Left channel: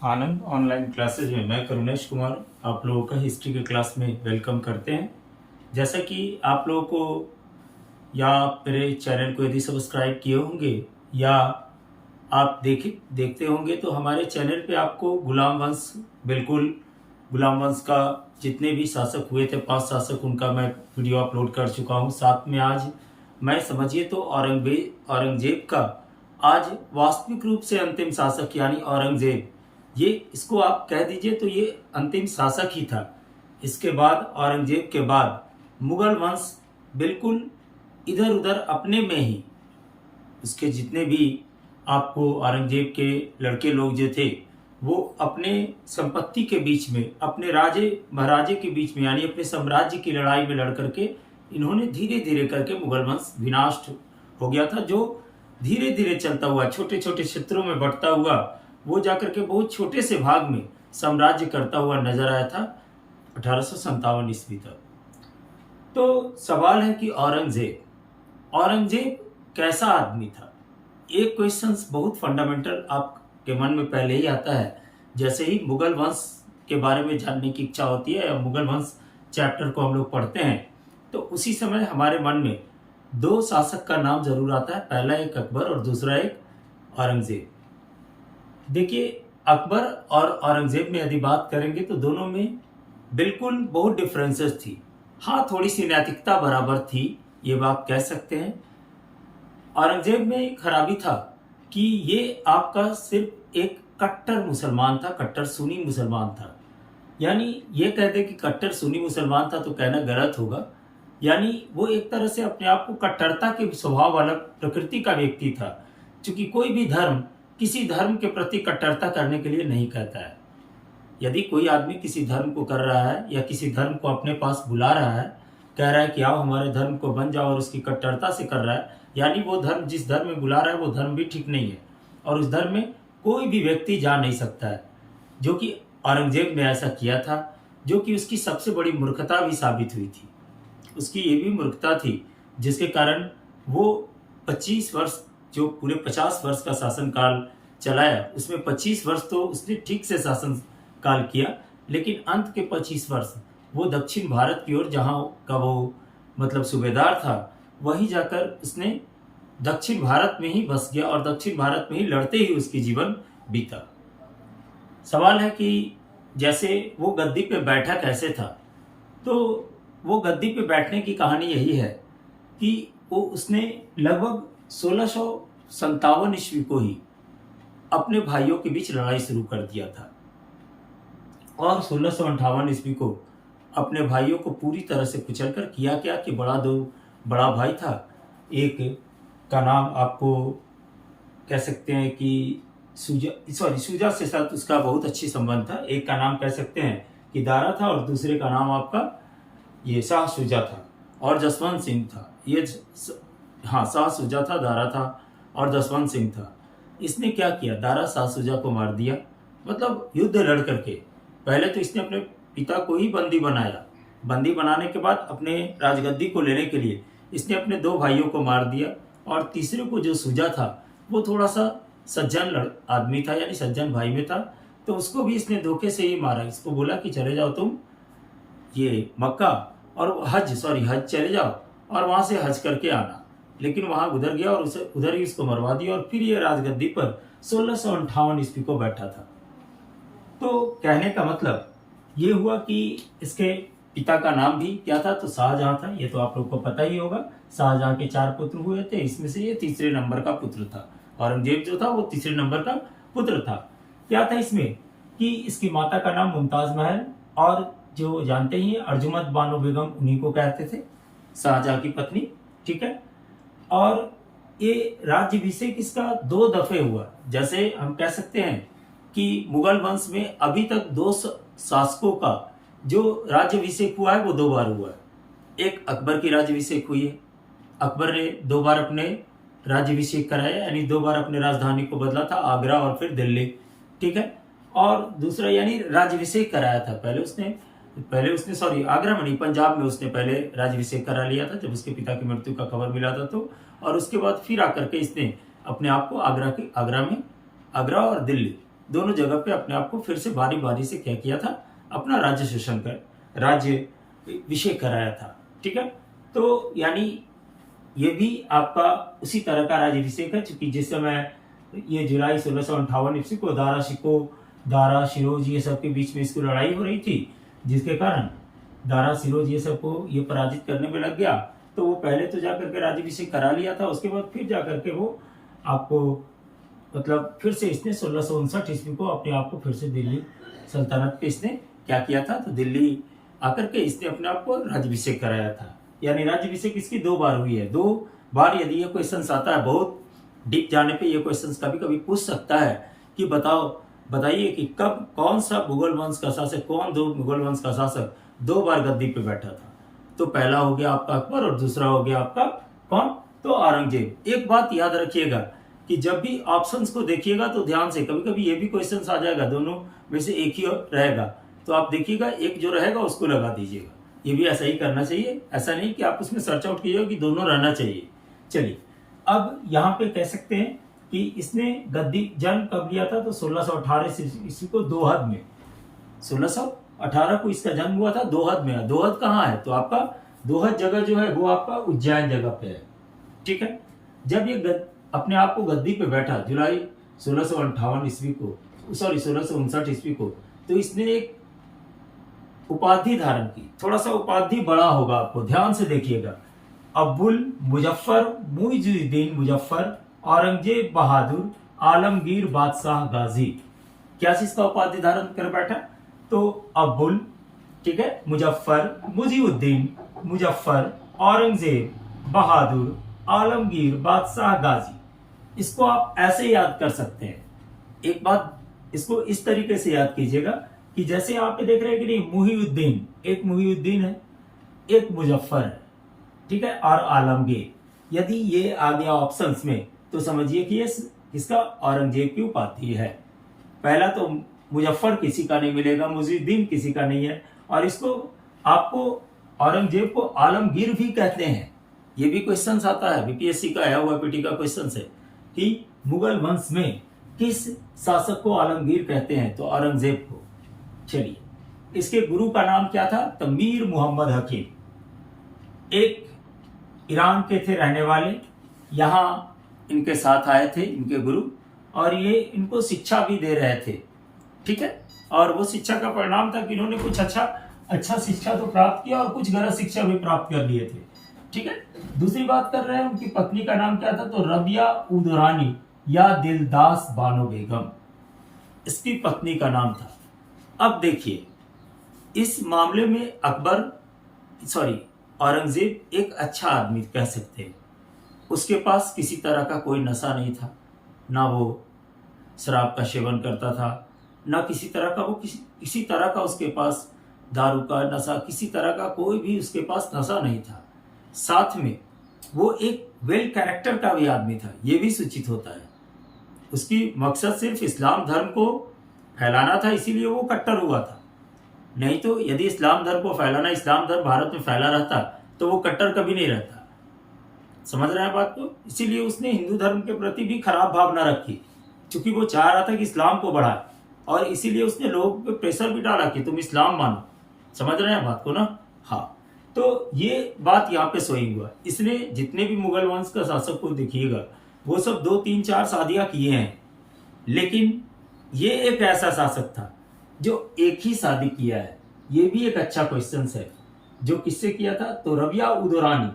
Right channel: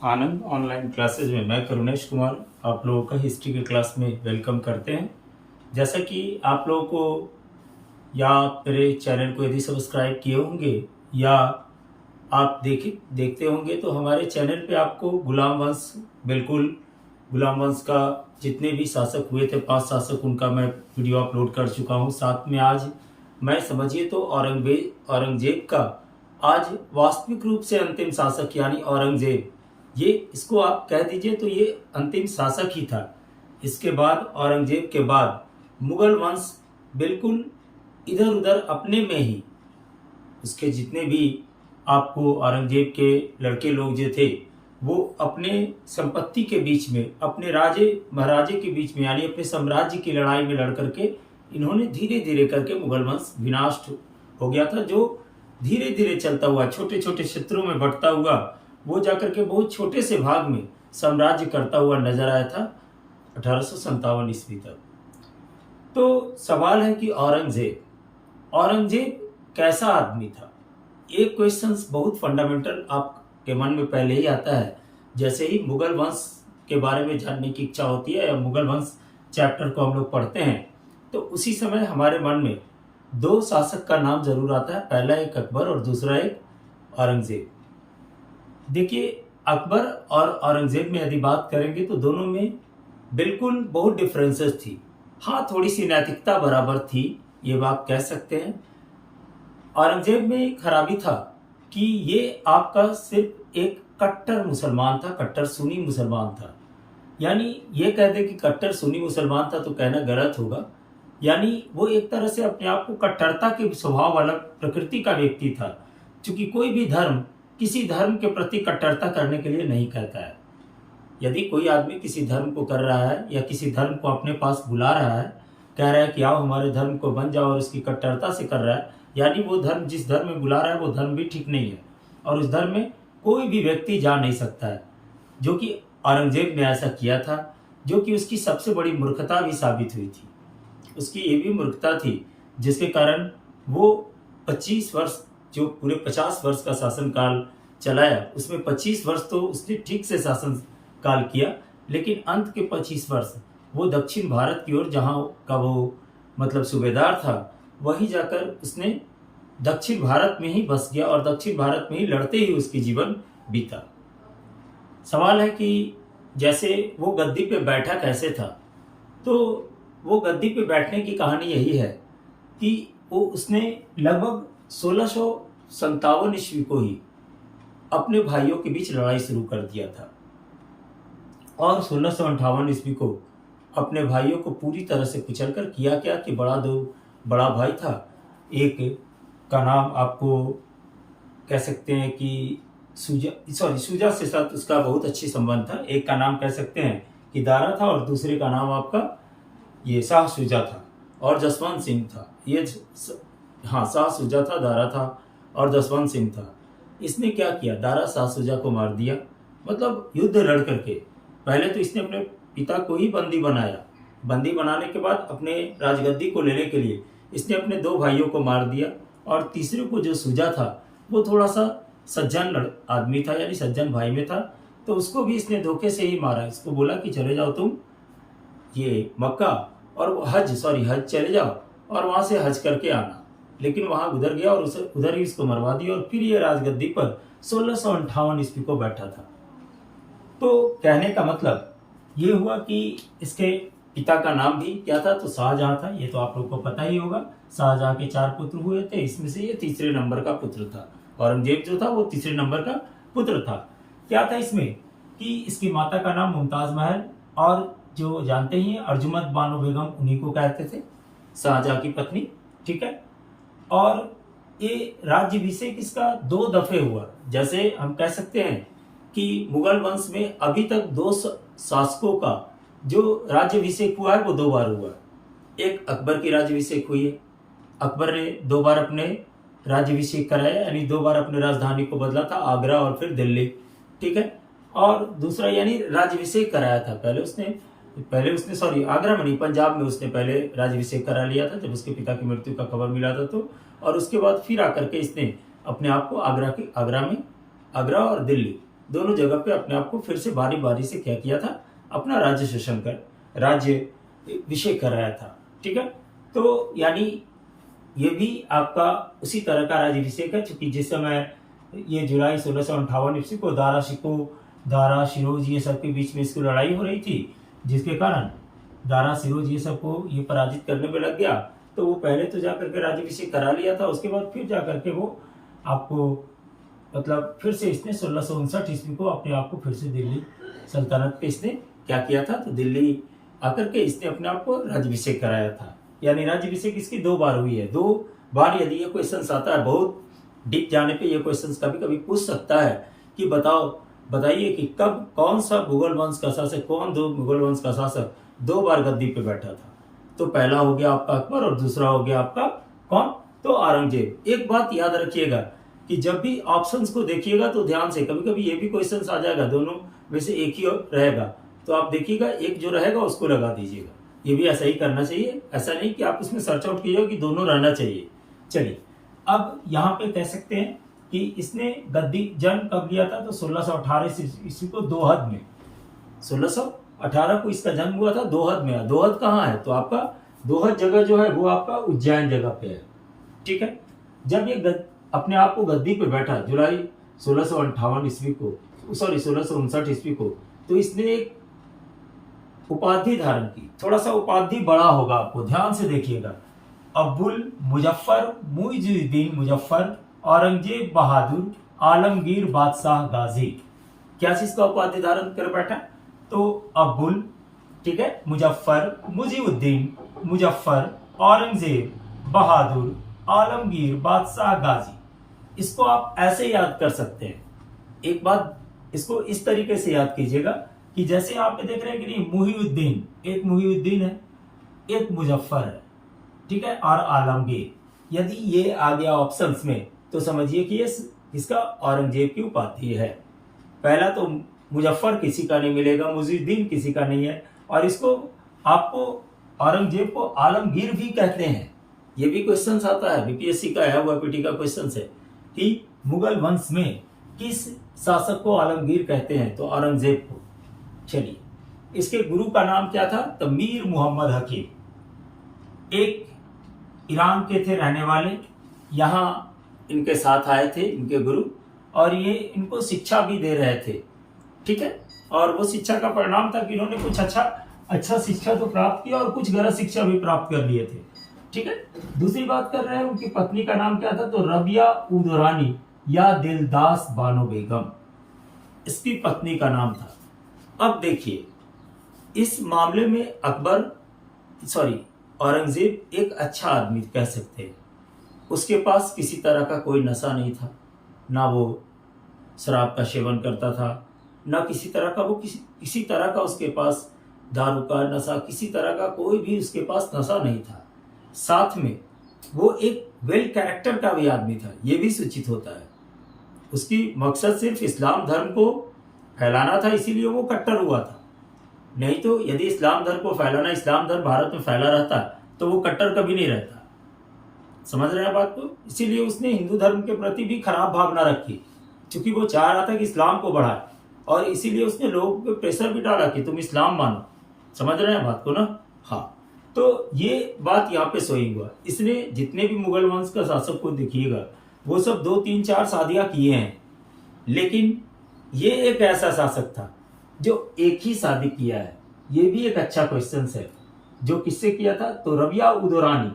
आनंद online classes में मैं करुणेश कुमार आप लोगों का हिस्ट्री के क्लास में वेलकम करते हैं। जैसा कि आप लोगों को या मेरे चैनल को यदि सब्सक्राइब किए होंगे या आप देखते होंगे तो हमारे चैनल पे आपको गुलाम वंश, बिल्कुल गुलाम वंश का जितने भी शासक हुए थे 5 शासक, उनका मैं वीडियो अपलोड कर चुका हूँ। साथ में आज मैं समझिए तो औरंगजेब का आज वास्तविक रूप से अंतिम शासक यानी औरंगजेब, ये इसको आप कह दीजिए तो ये अंतिम शासक ही था। इसके बाद औरंगजेब के बाद मुगल वंश बिल्कुल इधर उधर अपने में ही, उसके जितने भी आपको औरंगजेब के लड़के लोग जो थे वो अपने संपत्ति के बीच में, अपने राजे महाराजे के बीच में यानी अपने साम्राज्य की लड़ाई में लड़ करके इन्होंने धीरे धीरे करके मुगल वंश विनाश हो गया था। जो धीरे धीरे चलता हुआ छोटे छोटे क्षेत्रों में बढ़ता हुआ वो जाकर के बहुत छोटे से भाग में साम्राज्य करता हुआ नजर आया था 1857 ईस्वी तक। तो सवाल है कि औरंगजेब कैसा आदमी था। एक क्वेश्चन बहुत फंडामेंटल आपके मन में पहले ही आता है जैसे ही मुगल वंश के बारे में जानने की इच्छा होती है या मुगल वंश चैप्टर को हम लोग पढ़ते हैं तो उसी समय हमारे मन में दो शासक का नाम जरूर आता है। पहला एक अकबर और दूसरा एक औरंगजेब। देखिए, अकबर और औरंगजेब में यदि बात करेंगे तो दोनों में बिल्कुल बहुत डिफरेंसेस थी। हाँ, थोड़ी सी नैतिकता बराबर थी, ये बात कह सकते हैं। औरंगजेब में एक खराबी था कि ये आपका सिर्फ एक कट्टर मुसलमान था, कट्टर सुन्नी मुसलमान था। यानी ये कह दे कि कट्टर सुन्नी मुसलमान था तो कहना गलत होगा। यानी वो एक तरह से अपने आप को कट्टरता के स्वभाव वाला प्रकृति का व्यक्ति था, क्योंकि कोई भी धर्म किसी धर्म के प्रति कट्टरता करने के लिए नहीं कहता है। यदि कोई आदमी किसी धर्म को कर रहा है या किसी धर्म को अपने पास बुला रहा है, कह रहा है कि आओ हमारे धर्म को बन जाओ, और उसकी कट्टरता से कर रहा है, यानी वो धर्म जिस धर्म में बुला रहा है वो धर्म भी ठीक नहीं है और उस धर्म में कोई भी व्यक्ति जा नहीं सकता है। जो कि औरंगजेब ने ऐसा किया था, जो कि उसकी सबसे बड़ी मूर्खता भी साबित हुई थी। उसकी ये भी मूर्खता थी जिसके कारण वो 25 वर्ष, जो पूरे 50 वर्ष का शासन काल चलाया, उसमें 25 वर्ष तो उसने ठीक से शासन काल किया, लेकिन अंत के 25 वर्ष वो दक्षिण भारत की ओर, जहाँ का वो मतलब सूबेदार था, वहीं जाकर उसने दक्षिण भारत में ही बस गया और दक्षिण भारत में ही लड़ते ही उसकी जीवन बीता। सवाल है कि जैसे वो गद्दी पे बैठा कैसे था, तो वो गद्दी पे बैठने की कहानी यही है कि वो उसने लगभग 1657 ईस्वी को ही अपने भाइयों के बीच लड़ाई शुरू कर दिया था और 1658 ईस्वी को अपने भाइयों को पूरी तरह से कुचल कर किया क्या कि बड़ा भाई था, एक का नाम आपको कह सकते हैं कि सूजा से साथ उसका बहुत अच्छी संबंध था। एक का नाम कह सकते हैं कि दारा था और दूसरे का नाम आपका ये शाह शुजा था और जसवंत सिंह था। हाँ, शाह शुजा था, दारा था और जसवंत सिंह था। इसने क्या किया, दारा शाह शुजा को मार दिया, मतलब युद्ध लड़ करके। पहले तो इसने अपने पिता को ही बंदी बनाया, बंदी बनाने के बाद अपने राजगद्दी को लेने के लिए इसने अपने 2 भाइयों को मार दिया और तीसरे को जो शुजा था वो थोड़ा सा सज्जन आदमी था, यानी सज्जन भाई में था, तो उसको भी इसने धोखे से ही मारा। इसको बोला कि चले जाओ तुम ये मक्का और हज चले जाओ और वहां से हज करके आना, लेकिन वहां उधर गया और उसे उधर ही उसको मरवा दिया और फिर ये राजगद्दी पर 1658 ईस्वी को बैठा था। तो कहने का मतलब ये हुआ कि इसके पिता का नाम भी क्या था, तो शाहजहां था। ये तो आप लोग को पता ही होगा। शाहजहां के 4 पुत्र हुए थे, इसमें से ये तीसरे नंबर का पुत्र था। औरंगजेब जो था वो तीसरे नंबर का पुत्र था। क्या था इसमें कि इसकी माता का नाम मुमताज महल, और जो जानते ही अर्जुमंद बानो बेगम, उन्हीं को कहते थे, शाहजहां की पत्नी। ठीक है। और ये राज्याभिषेक इसका 2 दफे हुआ। जैसे हम कह सकते हैं कि मुगल वंश में अभी तक 2 शासकों का जो राज्याभिषेक हुआ है वो 2 बार हुआ है। एक अकबर की राज्याभिषेक हुई है, अकबर ने 2 बार अपने राज्याभिषेक कराया, यानी 2 बार अपने राजधानी को बदला था, आगरा और फिर दिल्ली। ठीक है। और दूसरा यानी राज्याभिषेक कराया था, पहले उसने सॉरी आगरा में नहीं, पंजाब में उसने पहले राज्याभिषेक करा लिया था जब उसके पिता की मृत्यु का खबर मिला था तो। और उसके बाद फिर आकर के इसने अपने आप को आगरा और दिल्ली दोनों जगह पे अपने आप को फिर से बारी बारी से क्या किया था, अपना राज्य शासन कर राज्य अभिषेक कराया था। ठीक है, तो यानी ये भी आपका उसी तरह का राज्याभिषेक है, चूंकि जिस समय ये जुलाई 1658 ईस्वी को दारा शिरोज ये सब के बीच में इसकी लड़ाई हो रही थी, जिसके कारण दारा शिरोज ये सब को ये पराजित करने में लग गया। तो वो पहले तो जाकर के राज्याभिषेक करा लिया था, उसके बाद फिर जाकर के वो आपको मतलब फिर से इसने 1659 ईस्वी को अपने आप को फिर से दिल्ली सल्तनत पे इसने क्या किया था, तो दिल्ली आकर के इसने अपने आप को राज्याभिषेक कराया था। यानी राज्याभिषेक इसकी 2 बार हुई है। 2 बार यदि ये क्वेश्चन आता है, बहुत डीप जाने पे ये क्वेश्चन कभी कभी पूछ सकता है कि बताइए कि कब कौन सा मुगल वंश का शासक, कौन 2 मुगल वंश का शासक 2 बार गद्दी पे बैठा था। तो पहला हो गया आपका अकबर और दूसरा हो गया आपका कौन, तो औरंगजेब। एक बात याद रखिएगा कि जब भी ऑप्शंस को देखिएगा तो ध्यान से, कभी कभी ये भी क्वेश्चन आ जाएगा दोनों में से एक ही रहेगा, तो आप देखिएगा एक जो रहेगा उसको लगा दीजिएगा। ये भी ऐसा ही करना चाहिए, ऐसा नहीं कि आप उसमें सर्च आउट कीजिएगा कि दोनों रहना चाहिए। चलिए, अब यहाँ पे कह सकते हैं कि इसने गद्दी जन्म कब लिया था, तो 1618 ईस्वी को दोहद में, 1618 को इसका जन्म हुआ था दोहद में। दोहद कहाँ है, तो आपका दोहद जगह जो है वो आपका उज्जैन जगह पे है। ठीक है, जब ये अपने आप को गद्दी पे बैठा जुलाई 1658 ईस्वी को, सॉरी 1659 ईस्वी को, तो इसने एक उपाधि धारण की। थोड़ा सा उपाधि बड़ा होगा, आपको ध्यान से देखिएगा। अब्बुल मुजफ्फर मुइजुद्दीन मुजफ्फर औरंगजेब बहादुर आलमगीर बादशाह गाजी, क्या चीज का उपाधि धारण कर बैठा, तो अब्बुल, ठीक है, मुजफ्फर मुजिबुद्दीन मुजफ्फर औरंगजेब बहादुर आलमगीर बादशाह गाजी। इसको आप ऐसे याद कर सकते हैं। एक बात इसको इस तरीके से याद कीजिएगा कि जैसे आप देख रहे हैं कि नहीं, मुहिउद्दीन, एक मुहिउद्दीन है, एक मुजफ्फर है, ठीक है, और आलमगीर। यदि ये आ गया ऑप्शंस में तो समझिए कि ये इसका औरंगजेब की उपाधि है। पहला तो मुजफ्फर किसी का नहीं मिलेगा, मुहिउद्दीन किसी का नहीं है, और इसको आपको औरंगजेब को आलमगीर भी कहते हैं। ये भी क्वेश्चन आता है, बीपीएससी का आया हुआ पीटी का क्वेश्चन है कि मुगल वंश में किस शासक को आलमगीर कहते हैं, तो औरंगजेब को। चलिए, इसके गुरु का नाम क्या था, तो मीर मोहम्मद हकीम, एक ईरान के थे रहने वाले, यहाँ इनके साथ आए थे इनके गुरु, और ये इनको शिक्षा भी दे रहे थे। ठीक है, और वो शिक्षा का परिणाम था कि इन्होंने कुछ अच्छा शिक्षा तो प्राप्त किया और कुछ गलत शिक्षा भी प्राप्त कर लिए थे। ठीक है, दूसरी बात कर रहे हैं, उनकी पत्नी का नाम क्या था, तो रबिया उदरानी या दिलदास बानो बेगम, इसकी पत्नी का नाम था। अब देखिए, इस मामले में औरंगजेब एक अच्छा आदमी कह सकते हैं। उसके पास किसी तरह का कोई नशा नहीं था, ना वो शराब का सेवन करता था, ना किसी तरह का किसी तरह का उसके पास दारू का नशा, किसी तरह का कोई भी उसके पास नशा नहीं था। साथ में वो एक वेल कैरेक्टर का भी आदमी था, ये भी सूचित होता है। उसकी मकसद सिर्फ इस्लाम धर्म को फैलाना था, इसीलिए वो कट्टर हुआ था। नहीं तो यदि इस्लाम धर्म को फैलाना, इस्लाम धर्म भारत में फैला रहता तो वो कट्टर कभी नहीं रहता। समझ रहे हैं बात को? इसीलिए उसने हिंदू धर्म के प्रति भी खराब भावना रखी, क्योंकि वो चाह रहा था कि इस्लाम को बढ़ाए, और इसीलिए उसने लोगों पे प्रेशर भी डाला कि तुम इस्लाम मानो। समझ रहे हैं बात को ना? हाँ, तो ये बात यहाँ पे सोई हुआ। इसने जितने भी मुगल वंश का शासक को देखिएगा, वो सब 2, 3, 4 शादियां किए हैं, लेकिन ये एक ऐसा शासक था जो एक ही शादी किया है। ये भी एक अच्छा क्वेश्चन है, जो किससे किया था, तो रबिया उदरानी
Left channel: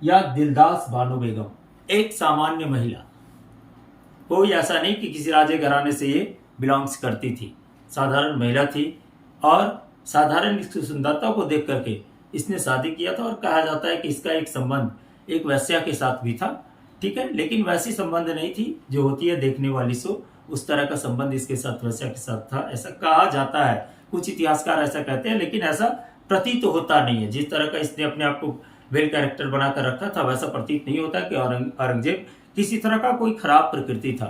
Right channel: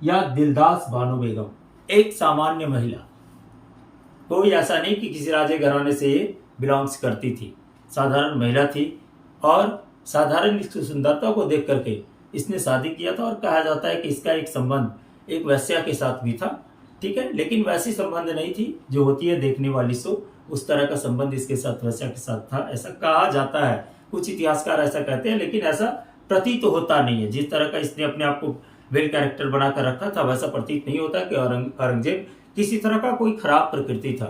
या दिलदास बानो बेगम, एक सामान्य महिला, कोई ऐसा नहीं कि किसी राजे घराने से ये बिलोंग्स करती थी, साधारण महिला थी, और साधारण इसकी सुंदरता को देख करके इसने शादी किया था। और कहा जाता है कि इसका एक संबंध एक वैश्या के साथ भी था। ठीक है, लेकिन वैसी संबंध नहीं थी जो होती है देखने वाली सो, उस तरह का संबंध इसके साथ वैश्या के साथ था, ऐसा कहा जाता है। कुछ इतिहासकार ऐसा कहते हैं, लेकिन ऐसा प्रतीत तो होता नहीं है। जिस तरह का इसने अपने आप को वेल कैरेक्टर बनाकर रखा था, वैसा प्रतीत नहीं होता कि औरंगजेब किसी तरह का कोई खराब प्रकृति था,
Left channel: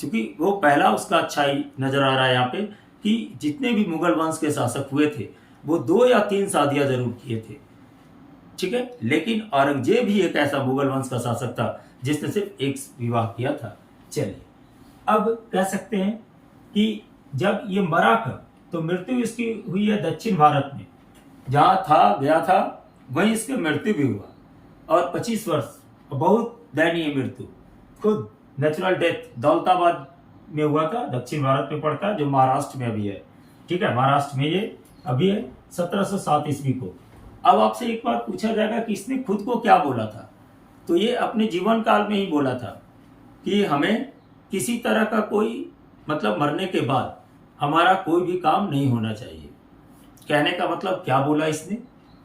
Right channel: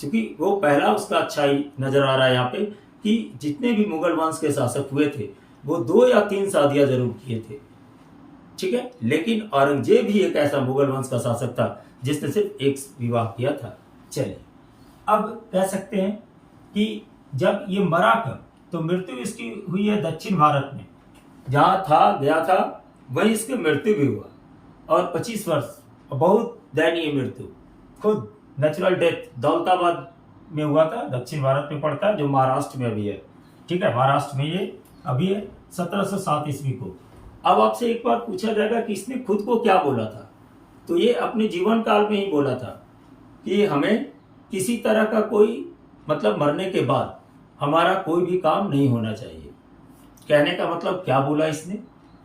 क्योंकि वो पहला उसका अच्छाई नजर आ रहा है यहाँ पे कि जितने भी मुगल वंश के शासक हुए थे वो 2 या 3 शादियां जरूर किए थे। ठीक है, लेकिन औरंगजेब ही एक ऐसा मुगल वंश का शासक था जिसने सिर्फ एक विवाह किया था। चलिए, अब कह सकते हैं कि जब ये मरा कब, तो मृत्यु इसकी हुई है दक्षिण भारत में, जहां था गया था वहीं इसकी मृत्यु भी हुआ। और 25 वर्ष, बहुत दयनीय मृत्यु, खुद नेचुरल डेथ दौलताबाद में हुआ था, दक्षिण भारत में पड़ता है, जो महाराष्ट्र में अभी है। ठीक है, महाराष्ट्र में ये अभी है 1707 ईस्वी को। अब आपसे एक बार पूछा जाएगा कि इसने खुद को क्या बोला था, तो ये अपने जीवन काल में ही बोला था कि हमें किसी तरह का कोई मतलब मरने के बाद हमारा कोई भी काम नहीं होना चाहिए। कहने का मतलब क्या बोला इसने,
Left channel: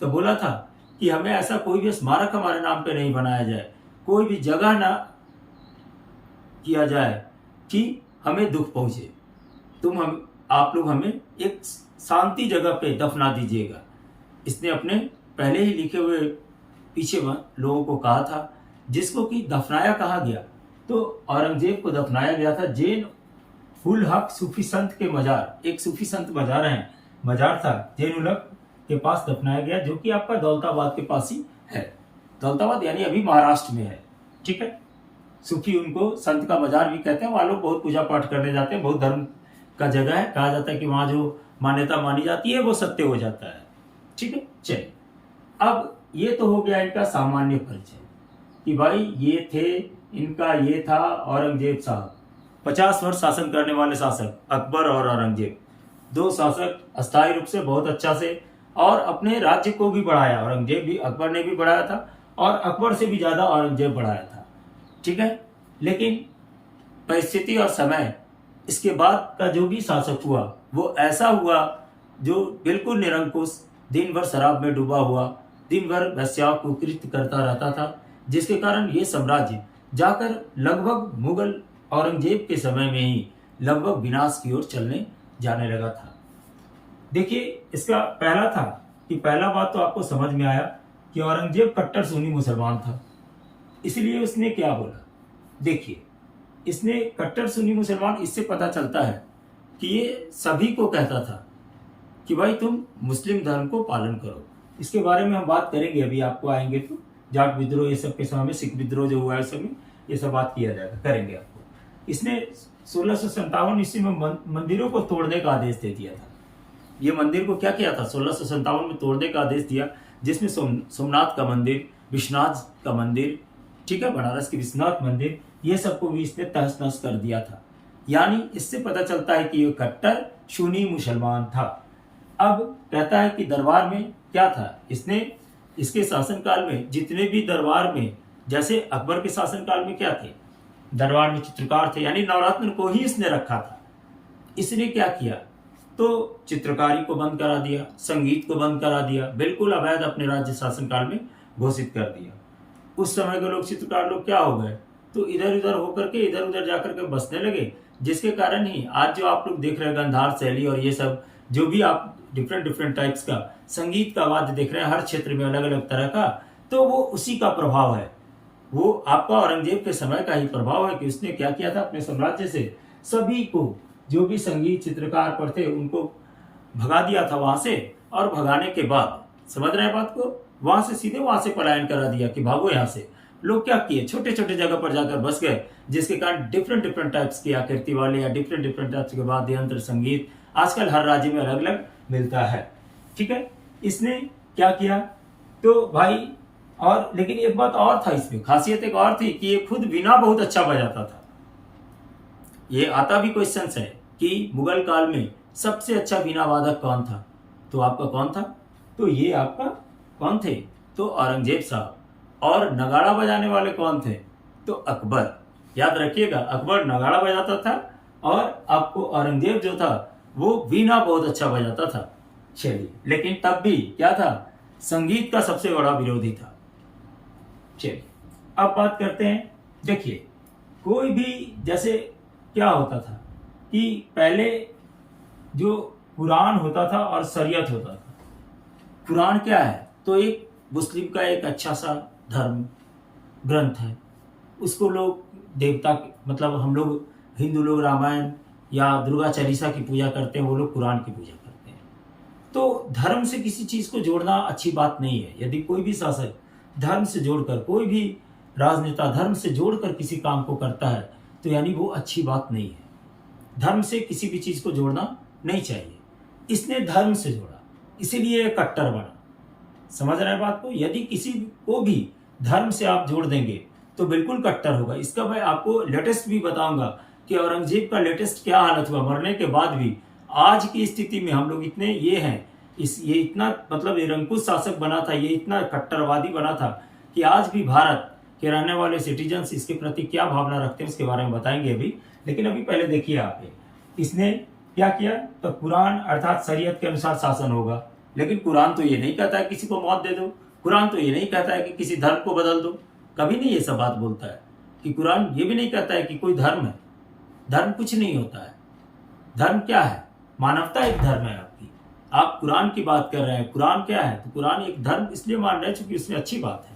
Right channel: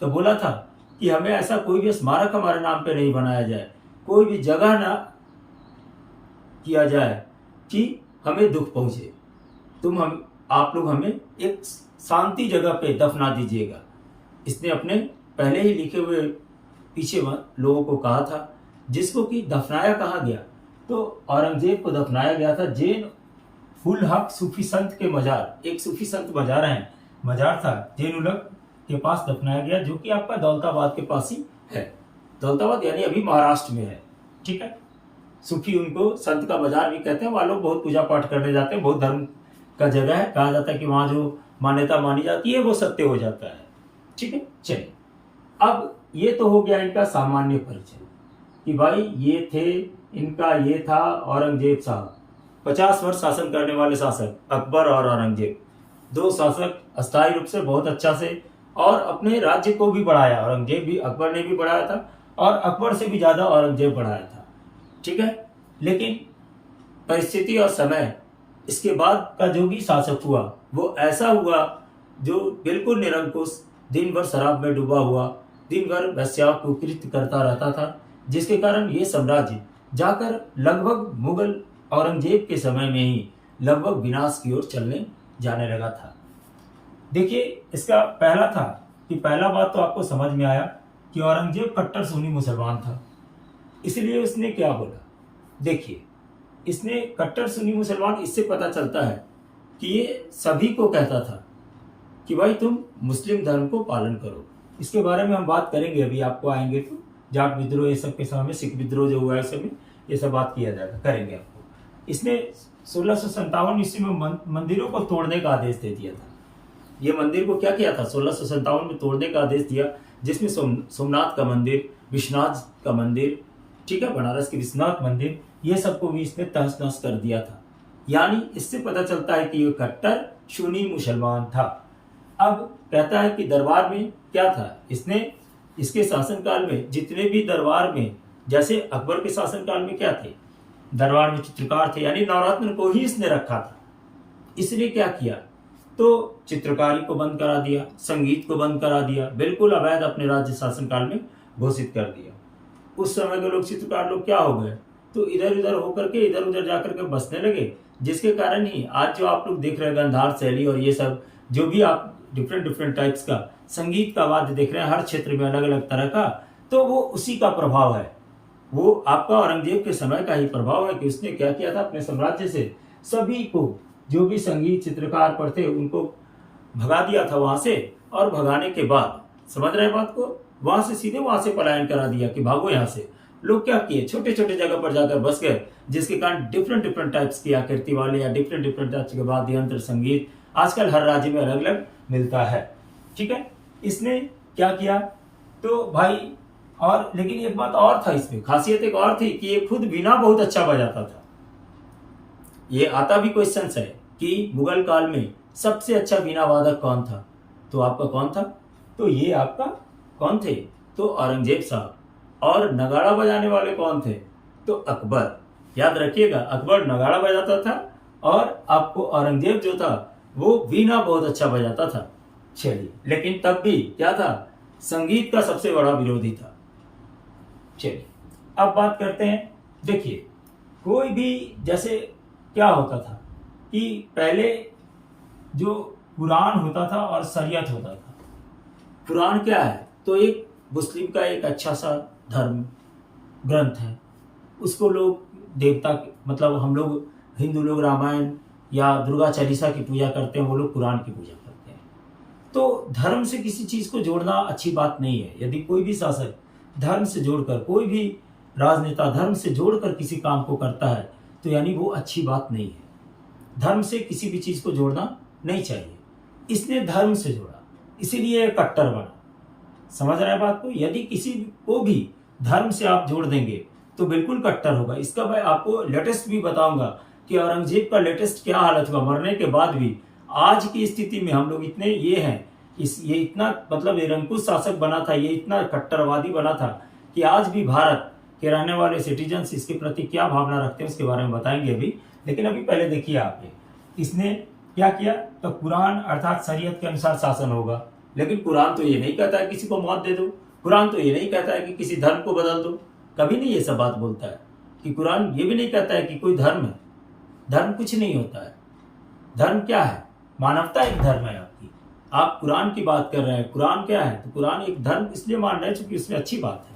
तो बोला था कि हमें ऐसा कोई भी स्मारक हमारे नाम पे नहीं बनाया जाए, कोई भी जगह ना किया जाए कि हमें दुख पहुंचे, आप लोग हमें एक शांति जगह पे दफना दीजिएगा। इसने अपने पहले ही लिखे हुए पीछे लोगों को कहा था, जिसको कि दफनाया कहा गया, तो औरंगजेब को दफनाया गया था जैन उल हक सूफी संत के मजार, एक सूफी संत मजार था जैन उल हक के पास दफनाया गया, जो कि आपका दौलताबाद के पास ही है। दौलताबाद यानी अभी महाराष्ट्र में है। ठीक है, सूफी उनको संत का मजार भी कहते हैं, वहाँ लोग बहुत पूजा पाठ करने जाते हैं, बहुत धर्म का जगह है, कहा जाता है कि वहाँ जो मान्यता मानी जाती है वो सत्य हो जाता है। ठीक है, चलिए अब ये तो हो गया इनका सामान्य परिचय कि भाई ये थे, इनका ये था औरंगजेब साहब, 50 वर्ष शासन करने वाले शासक अकबर और औरंगजेब, दो शासक अस्थायी रूप से बहुत अच्छा से, और अपने राज्य को भी बढ़ाया। औरंगजेब भी, अकबर ने भी बढ़ाया था, और अकबर से भी ज्यादा औरंगजेब बढ़ाया था। ठीक है, लेकिन परिस्थिति और समय, इसके बाद का जो भी शासक हुआ वो ऐसा हुआ जो बिल्कुल निरंकुश, दिन भर शराब में डूबा हुआ, दिन भर वैश्याओं को कृत्य करता रहता था, जिसके कारण ये साम्राज्य जाकर लगभग मुगल औरंगजेब के समय में ही लगभग विनाश की ओर चलने जाने लगा था। देखिए, इसका पहला था कि पहला बात तो आपको समझ में आया कि औरंगजेब कट्टर सुन्नी मुसलमान था, इसलिए उसने क्या बोला। देखिए, इसने कट्टर सुन्नी मुसलमान, इससे पता चलता है कि ये सभी को कहता था कि भाई तुम मुस्लिम धर्म को पालन करो। इसके बारे में हम बात करेंगे, अभी आपको आएंगे तो जाट विद्रोह ये सब के समय में, सिख विद्रोह जो हुआ है उस समय ये सब बात किया जाएगा, करेंगे आपको। इसने 1657 ईस्वी में मंदिरों को तोड़ने का आदेश दे दिया था। ये मंदिर को क्या किया था, 1657 में तोड़ने का आदेश दिया, जिसमें सोमनाथ का मंदिर, विश्वनाथ का मंदिर, ठीक है, बनारस के विश्वनाथ मंदिर, ये सबको भी इसने तहस नहस कर दिया था। यानी इससे पता चलता है कि ये कट्टर सुन्नी मुसलमान था। अब कहता है कि दरबार में क्या था, इसने इसके शासनकाल में जितने भी दरबार में, जैसे अकबर के शासनकाल में क्या थे, दरबार में चित्रकार थे, यानी नवरत्न को ही इसने रखा था। इसने क्या किया, तो चित्रकारी को बंद करा दिया, संगीत को बंद करा दिया, बिल्कुल अवैध अपने राज्य शासनकाल में घोषित कर दिया। उस समय के लोग, चित्रकार लोग क्या हो गए, तो इधर उधर होकर के इधर उधर जाकर के बसने लगे, जिसके कारण ही आज जो आप लोग देख रहे हैं गंधार शैली और ये सब जो भी आप डिफरेंट टाइप्स का संगीत का वाद्य देख रहे हैं, हर क्षेत्र में अलग अलग तरह का, तो वो उसी का प्रभाव है। वो आपका औरंगजेब के समय का ही प्रभाव है कि उसने क्या किया था, अपने साम्राज्य से सभी को, जो भी संगीत चित्रकार पर थे, उनको भगा दिया था वहां से। और भगाने के बाद, समझ रहे हैं बात को, वहां से सीधे वहां से पलायन करा दिया कि भागो यहाँ से। लोग क्या किए, छोटे छोटे जगह पर जाकर बस गए, जिसके कारण डिफरेंट टाइप्स की आकृति वाले या डिफरेंट टाइप्स के वाद्य यंत्र संगीत आजकल हर राज्य में अलग अलग मिलता है। ठीक है, इसने क्या किया, तो भाई, और लेकिन एक बात और था इसमें, खासियत एक और थी कि ये खुद वीणा बहुत अच्छा बजाता था। ये आता भी क्वेश्चन है कि मुगल काल में सबसे अच्छा वीणा वादक कौन था, तो आपका कौन था, तो ये आपका कौन थे, तो औरंगजेब साहब। और नगाड़ा बजाने वाले कौन थे, तो अकबर। याद रखिएगा, अकबर नगाड़ा बजाता था और आपको औरंगजेब जो था वो वीणा बहुत अच्छा बजाता था। चलिए, लेकिन तब भी क्या था, संगीत का सबसे बड़ा विरोधी था। चलिए अब बात करते हैं। देखिए, कोई भी, जैसे क्या होता था कि पहले जो कुरान होता था और शरीयत होता था। कुरान क्या है, तो एक मुस्लिम का एक अच्छा सा धर्म ग्रंथ है, उसको लोग देवता, मतलब हम लोग हिंदू लोग रामायण या दुर्गा चालीसा की पूजा करते हैं, वो लोग कुरान की पूजा करते हैं। तो धर्म से किसी चीज को जोड़ना अच्छी बात नहीं है। यदि कोई भी शासक धर्म से जोड़कर, कोई भी राजनेता धर्म से जोड़कर किसी काम को करता है, तो यानी वो अच्छी बात नहीं है। धर्म से किसी भी चीज को जोड़ना नहीं चाहिए। इसने धर्म से जोड़ा, इसीलिए ये कट्टर बना। समझ रहे हैं बात को? यदि किसी को भी धर्म से आप जोड़ देंगे तो बिल्कुल कट्टर होगा। इसका मैं आपको लेटेस्ट भी बताऊंगा कि औरंगजेब का लेटेस्ट क्या हालत हुआ, मरने के बाद भी आज की स्थिति में हम लोग इतने ये हैं, ये इतना मतलब निरंकुश शासक बना था, ये इतना कट्टरवादी बना था कि आज भी भारत के रहने वाले सिटीजन्स इसके प्रति क्या भावना रखते हैं उसके बारे में बताएंगे अभी। लेकिन अभी पहले देखिए आप, इसने क्या किया, तो कुरान अर्थात शरीयत के अनुसार शासन होगा। लेकिन कुरान तो ये नहीं कहता है किसी को मौत दे दो, कुरान तो ये नहीं कहता है कि किसी धर्म को बदल दो, कभी नहीं ये सब बात बोलता है। कि कुरान ये भी नहीं कहता है कि कोई धर्म है, धर्म कुछ नहीं होता है। धर्म क्या है? मानवता एक धर्म है आपकी। आप कुरान की बात कर रहे हैं, कुरान क्या है? तो कुरान एक धर्म इसलिए मान रहे हैं क्योंकि इसमें अच्छी बात है।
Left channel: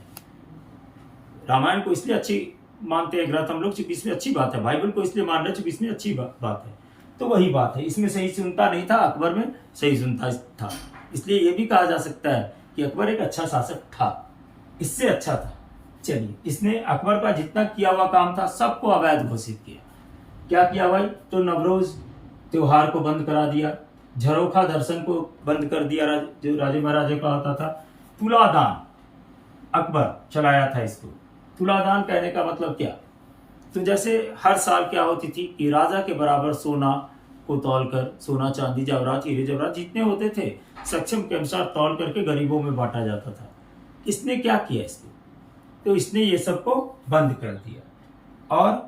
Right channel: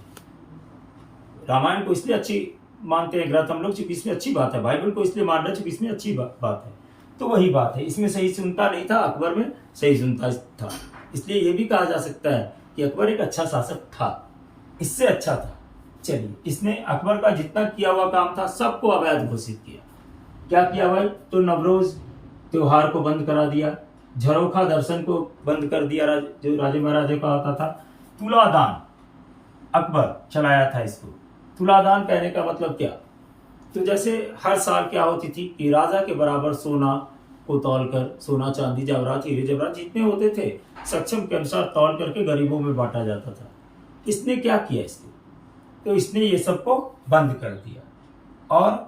रामायण को इसलिए अच्छी मानते हैं ग्रंथ हम लोग क्योंकि इसमें अच्छी बात है। बाइबल को इसलिए मान रहे हैं क्योंकि इसमें अच्छी बात है। तो वही बात है, इसमें सही सुनता नहीं था, अकबर में सही सुनता था। इसलिए ये भी कहा जा सकता है कि अकबर एक अच्छा शासक था, इससे अच्छा था। चलिए, इसने अकबर का जितना किया हुआ काम था सबको अवैध घोषित किया। क्या किया भाई? तो नवरोज त्योहार को बंद करा दिया, झरोखा दर्शन को बंद कर दिया, जो राजे महाराजे का होता था। तुलादान अकबर चलाया था इसको। तुलादान कहने का मतलब क्या? तो जैसे हर साल क्या होती थी कि राजा के बराबर सोना को तौलकर, सोना चांदी जवाहरात हीरे जवाहरात जितने होते थे सक्षम के अनुसार तौल करके गरीबों में बांटा जाता था। इसने क्या किया इसको? तो इसने ये सबको बंद कर दिया। और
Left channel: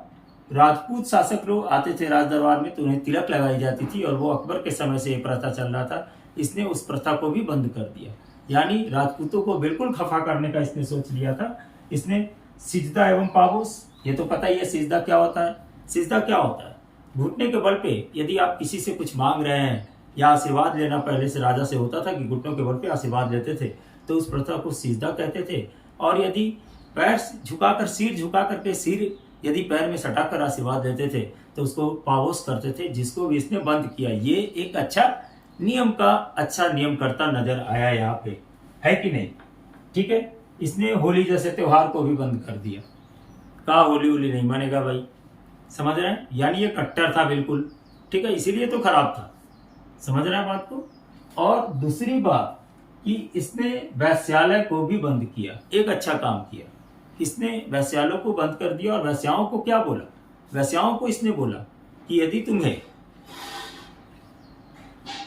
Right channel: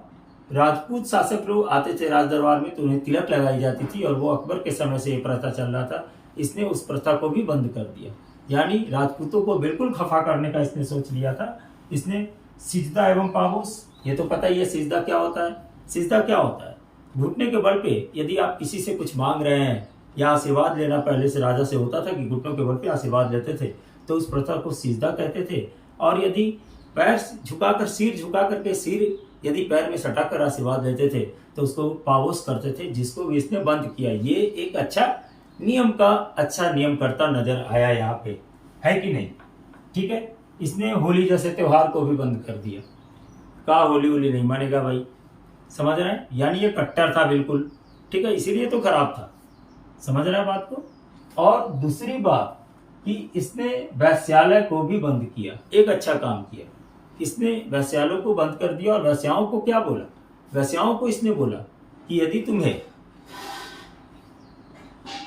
राजपूत शासक लोग आते थे राज दरबार में तो उन्हें तिलक लगाई जाती थी, और वो अकबर के समय से ये प्रथा चल रहा था। इसने उस प्रथा को भी बंद कर दिया, यानी राजपूतों को बिल्कुल खफा करने का इसने सोच लिया था। इसने सिजदा एवं पाबोस, ये तो पता ही है सिजदा क्या होता है। सिजदा क्या होता है? घुटने के बल पे यदि आप किसी से कुछ मांग रहे हैं या आशीर्वाद लेना, पहले से राजा से होता था कि घुटनों के बल पे आशीर्वाद लेते थे, तो उस प्रथा को सिजदा कहते थे। और यदि पैर झुकाकर, सिर झुका करके सिर यदि पैर में सटाकर आशीर्वाद लेते थे तो उसको पावोस करते थे, जिसको भी इसने बंद किया। ये एक अच्छा नियम का अच्छा नियम करता नजर आया यहाँ पे, है कि नहीं? ठीक है। इसने होली जैसे त्योहार को भी बंद कर दिया। कहा होली नहीं मानेगा भाई, समझ रहे हैं? यानी ये कट्टर था बिल्कुल, ठीक है, इसीलिए तो खराब था। समझ रहे हैं बात को? और दूसरी बात कि इसने वैश्यालय को भी बंद किया, एक अच्छा काम किया। इसने वैश्यालयों को बंद कर दिया। और वैश्याओं को क्या बोला? वैश्याओं को इसने बोला कि यदि तुम्हें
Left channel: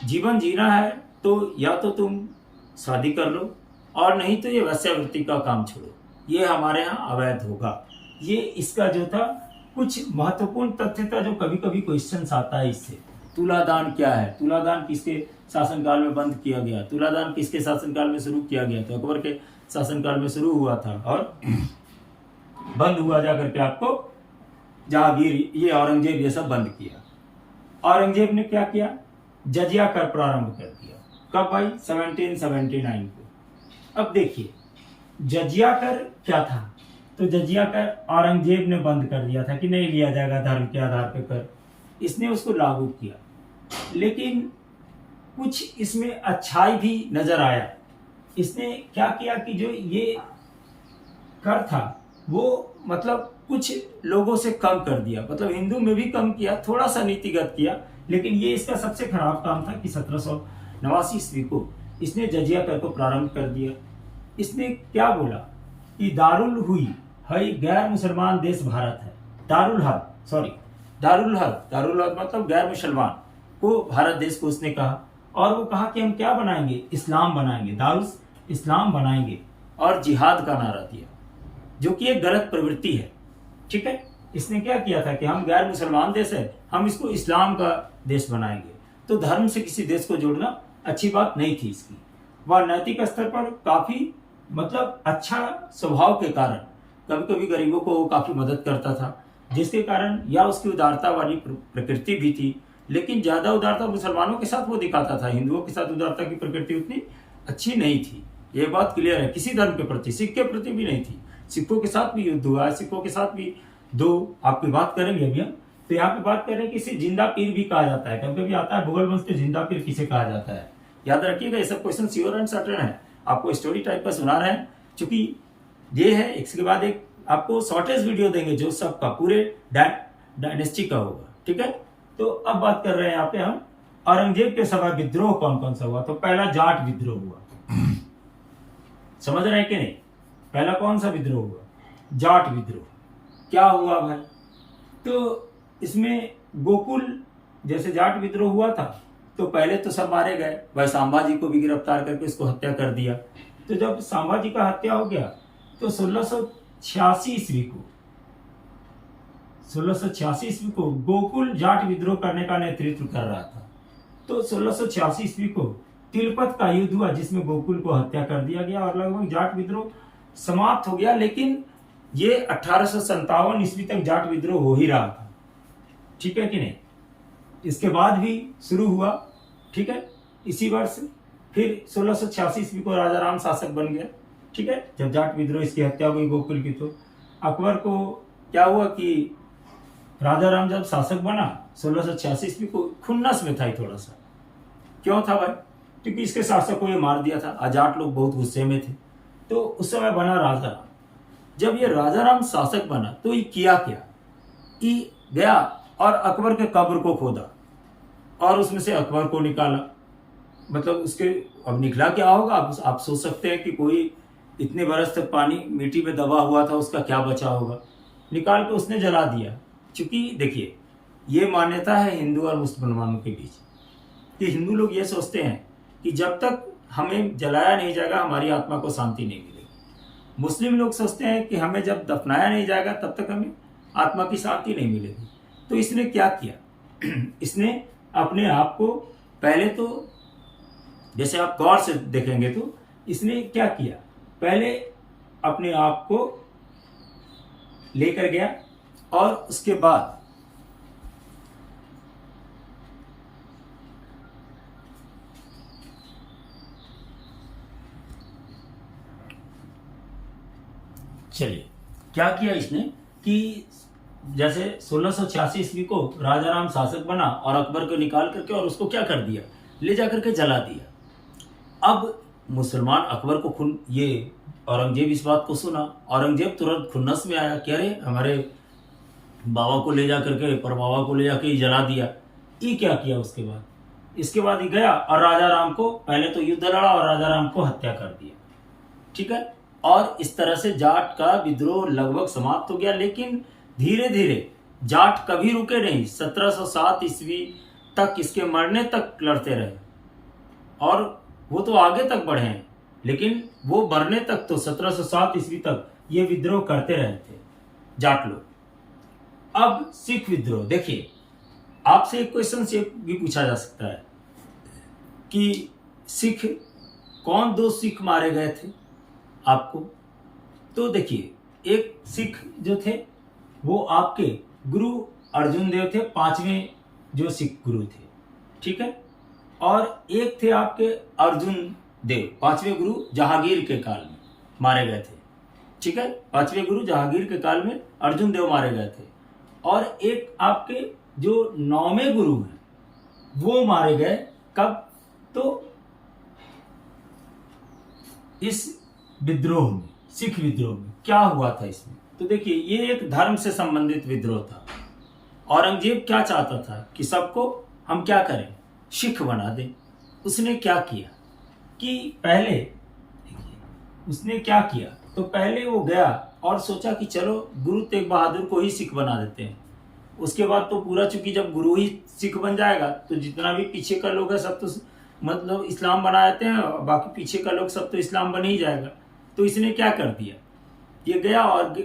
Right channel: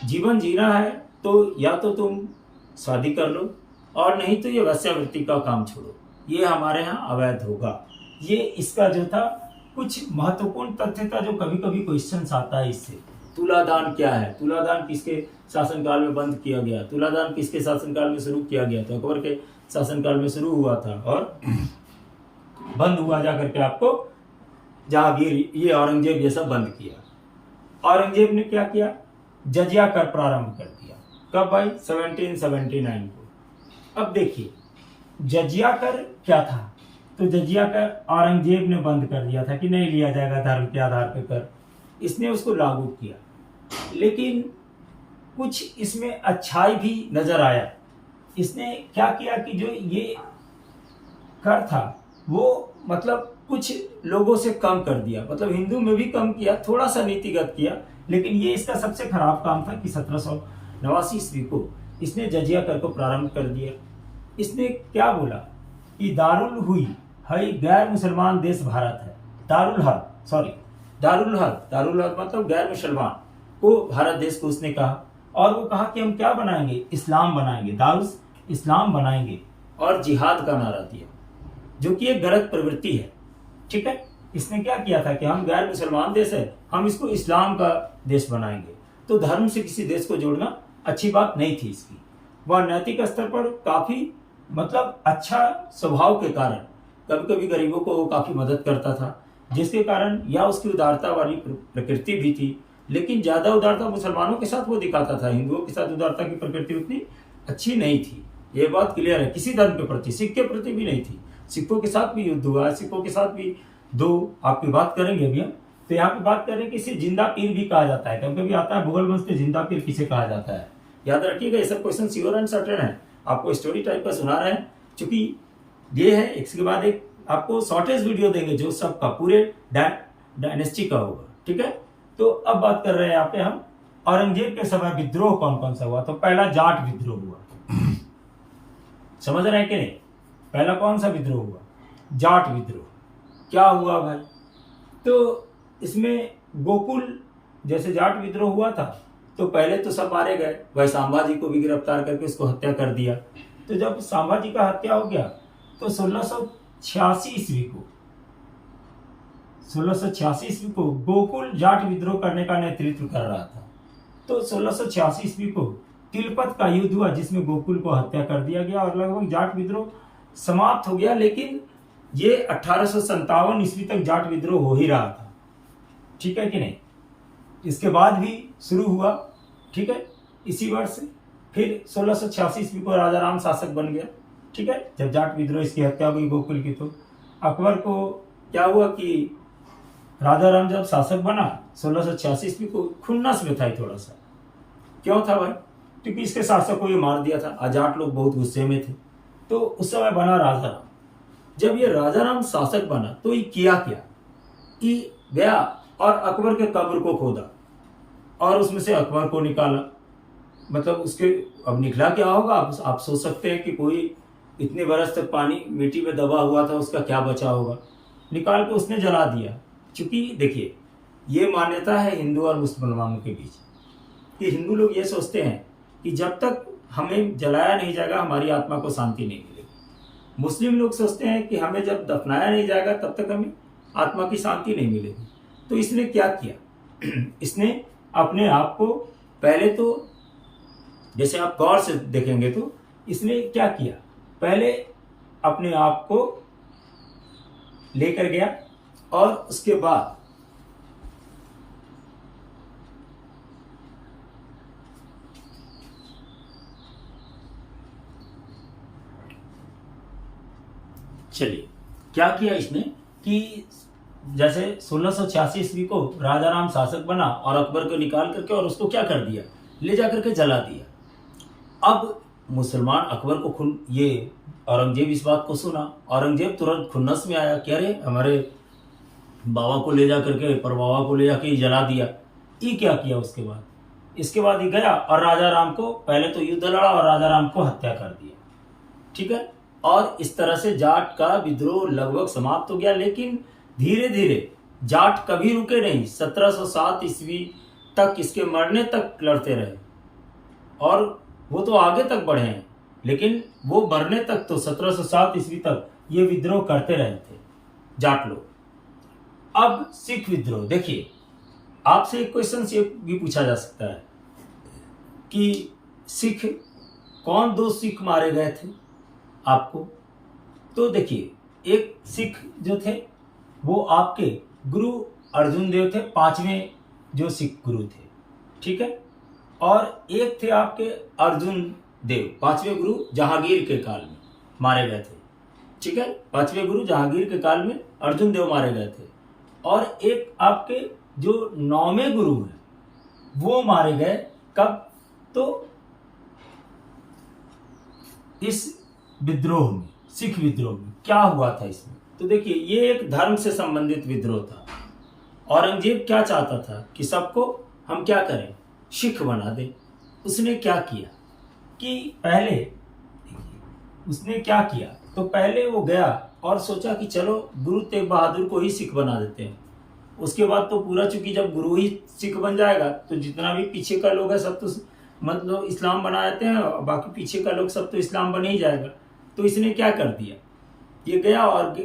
जीवन जीना है तो या तो तुम शादी कर लो, और नहीं तो ये वैश्यावृत्ति का काम छोड़ो, ये हमारे यहाँ अवैध होगा। ये इसका जो था कुछ महत्वपूर्ण तथ्य था जो कभी कभी क्वेश्चन आता है इससे। तुलादान क्या है? तुलादान किसके शासनकाल में बंद किया गया? तुलादान किसके शासनकाल में शुरू किया गया? तो अकबर के शासनकाल में शुरू हुआ था और बंद हुआ जाकर के आपको जहांगीर, ये औरंगजेब, ये सब बंद किया। औरंगजेब ने क्या किया? जजिया कर प्रारंभ कर दिया। कब भाई? 1779 को। अब देखिए जजिया कर क्या था? तो जजिया कर औरंगजेब ने बंद कर दिया था कि नहीं लिया जाएगा धर्म के आधार पर कर। इसने उसको लागू किया, लेकिन कुछ इसमें अच्छाई भी नजर आया। इसने क्या किया कि जो ये कर था वो मतलब कुछ लोगों से कम कर दिया, मतलब हिंदू में भी कम किया, थोड़ा सा नीतिगत किया। लेकिन ये इसका सबसे खराब काम था कि 1789 ईस्वी को इसने जजिया कर को प्रारंभ कर दिया। इसने क्या बोला कि दारुल हुई है गैर मुसलमान देश भारत है। दारुल हर्ब मतलब गैर मुसलमान को भारत देश को उसने कहा। और वो कहा कि हम क्या बनाएंगे? इस्लाम बनाएंगे, दारुल इस्लाम बनाएंगे, और जिहाद का नारा दिया, जो कि एक गलत प्रवृत्ति है। ठीक है। इसने क्या किया था कि हम गैर मुसलमान देश है, हम इसको इस्लाम का देश बनाएंगे। तो धर्म से किसी देश को जोड़ना अच्छी बात नहीं थी इसकी। वह नैतिक स्तर पर काफी मतलब अच्छा स्वभाव के कारण कभी कभी गरीबों को काफी मदद करता था, जिसके कारण या उसकी उदारता वाली प्रकृति भी थी। लेकिन ज्यादा उदारता मुसलमानों के साथ वो दिखाता था, हिंदुओं के साथ उदारता की प्रकृति उतनी अच्छी नहीं थी। ये बात क्लियर है। किसी धर्म के प्रति, सिख के प्रति भी नहीं थी। सिखों के साथ भी युद्ध हुआ है, सिखों के साथ भी दो आपकी बात करेंगे अभी हम। तो यहाँ पे बात करें कि इसे जिंदा पीर भी कहा जाता है। कभी कभी आता है भूगोल वंश में जिंदा पीर किसे कहा जाता है। याद रखिएगा, ये सब क्वेश्चन श्योर एंड सर्टेन है। आपको स्टोरी टाइप का सुना रहे हैं, क्योंकि ये है एक के बाद एक आपको शॉर्टेज वीडियो देंगे जो सबका पूरे डायनेस्टी का होगा। ठीक है। तो अब बात कर रहे हैं यहाँ पे हम औरंगजेब के समय विद्रोह कौन कौन सा हुआ। तो पहला जाट विद्रोह हुआ, समझ रहे हैं कि नहीं। पहला कौन सा विद्रोह हुआ, जाट विद्रोह। क्या हुआ भाई, तो इसमें गोकुल जैसे जाट विद्रोह हुआ था तो पहले तो सब मारे गए, भाई संभाजी को भी गिरफ्तार करके उसको हत्या कर दिया। तो जब संभाजी का हत्या हो गया तो 1686 ईस्वी को गोकुल जाट विद्रोह करने का नेतृत्व कर रहा था। तो 1686 ईस्वी को तिलपत का युद्ध हुआ जिसमें गोकुल को हत्या कर दिया गया और लगभग जाट विद्रोह समाप्त हो गया। लेकिन ये 1857 ईस्वी तक जाट विद्रोह हो ही रहा था, ठीक है कि नहीं। इसके बाद भी शुरू हुआ, ठीक है, इसी वर्ष फिर 1686 ईस्वी को राजा राम शासक बन गया, ठीक है। जब जाट विद्रोह इसकी हत्या हो गई गोकुल की, तो अकबर को क्या हुआ कि राजा राम जब शासक बना 1686 ईस्वी को, खुन्नस में था थोड़ा सा। क्यों था भाई, क्योंकि इसके शासक को ये मार दिया था, जाट लोग बहुत गुस्से में थे। तो उस समय बना राजा राम। जब ये राजा राम शासक बना तो ये किया क्या कि गया और अकबर के कब्र को खोदा और उसमें से अकबर को निकाला। मतलब उसके अब निकला क्या होगा आप सोच सकते हैं कि कोई इतने बरस तक पानी मिट्टी में दबा हुआ था, उसका क्या बचा होगा। निकाल के उसने जला दिया। क्योंकि देखिए ये मान्यता है हिंदू और मुसलमानों के बीच कि हिंदू लोग ये सोचते हैं कि जब तक हमें जलाया नहीं जाएगा हमारी आत्मा को शांति नहीं मिलेगी। मुस्लिम लोग सोचते हैं कि हमें जब दफनाया नहीं जाएगा तब तक हमें आत्मा की शांति नहीं मिलेगी। तो इसने क्या किया इसने अपने आप को पहले तो जैसे आप गौर से देखेंगे तो इसने क्या किया, पहले अपने आप को लेकर गया और उसके बाद चलिए क्या किया इसने कि जैसे 1686 ईस्वी को राजा राम शासक बना और अकबर को निकाल करके और उसको क्या कर दिया, ले जा करके जला दिया। अब मुसलमान अकबर को ये औरंगजेब इस बात को सुना, औरंगजेब तुरंत खुन्नस में आया कि अरे हमारे बाबा को ले जा करके परबाबा को ले जाके जला दिया। ये क्या किया इसके बाद ही गया और राजा राम को पहले तो युद्ध लड़ा और राजा राम को हत्या कर दिया, ठीक है। और इस तरह से जाट का विद्रोह लगभग समाप्त हो गया। लेकिन धीरे धीरे जाट कभी रुके नहीं, 1707 ईस्वी तक इसके मरने तक लड़ते रहे और वो तो आगे तक बढ़े हैं, लेकिन वो मरने तक तो 1707 ईस्वी तक ये विद्रोह करते रहे थे जाट लोग। अब सिख विद्रोह, देखिए आपसे एक क्वेश्चन से भी पूछा जा सकता है कि सिख कौन दो सिख मारे गए थे आपको। तो देखिए एक सिख जो थे वो आपके गुरु अर्जुन देव थे, 5वें जो सिख गुरु थे, ठीक है। और एक थे आपके अर्जुन देव, 5वें गुरु जहांगीर के काल में मारे गए थे, ठीक है। 5वें गुरु जहांगीर के काल में अर्जुन देव मारे गए थे। और एक आपके जो 9वें गुरु हैं वो मारे गए कब, तो इस विद्रोह में, सिख विद्रोह में क्या हुआ था इसमें। तो देखिए ये एक धर्म से संबंधित विद्रोह था। औरंगजेब क्या चाहता था कि सबको हम क्या करें, सिख बना दें। उसने क्या किया कि पहले उसने क्या किया, तो पहले वो गया और सोचा कि चलो गुरु तेग बहादुर को ही सिख बना देते हैं। उसके बाद तो पूरा, चूंकि जब गुरु ही सिख बन जाएगा तो जितना भी पीछे का लोग है सब तो मतलब इस्लाम बना जाते हैं, बाकी पीछे का लोग सब तो इस्लाम बन ही जाएगा। तो इसने क्या कर दिया, ये गया और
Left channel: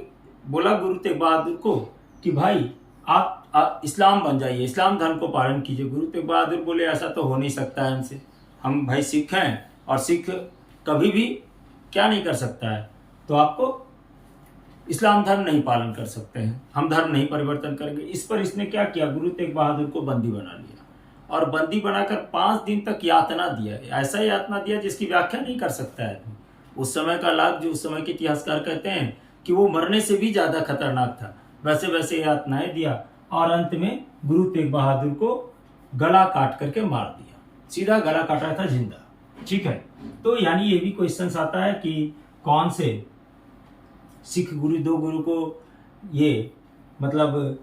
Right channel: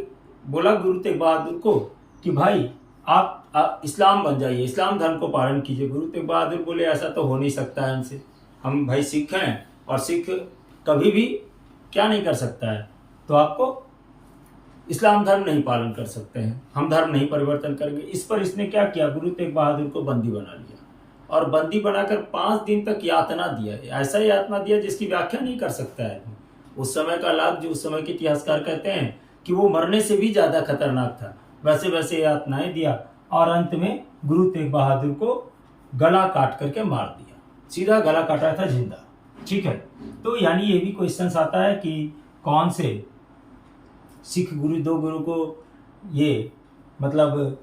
बोला गुरु तेग बहादुर को कि भाई आप इस्लाम बन जाइए, इस्लाम धर्म को पालन कीजिए। गुरु तेग बहादुर बोले ऐसा तो हो नहीं सकता है हमसे, हम भाई सिख हैं और सिख कभी भी क्या नहीं कर सकता है, तो आपको इस्लाम धर्म नहीं पालन कर सकते हैं, हम धर्म नहीं परिवर्तन करेंगे। इस पर इसने क्या किया, गुरु तेग बहादुर को बंदी बना लिया और बंदी बनाकर 5 दिन तक यातना दिया। ऐसा यातना दिया जिसकी व्याख्या नहीं कर सकता है। उस समय का लाभ जो उस समय के इतिहासकार कहते हैं कि वो मरने से भी ज्यादा खतरनाक था, वैसे वैसे यातनाएं दिया और अंत में गुरु तेग बहादुर को गला काट करके मार दिया, सीधा गला काटा था जिंदा, ठीक है। तो यानी ये भी क्वेश्चन आता है कि कौन से सिख गुरु, 2 गुरु को ये मतलब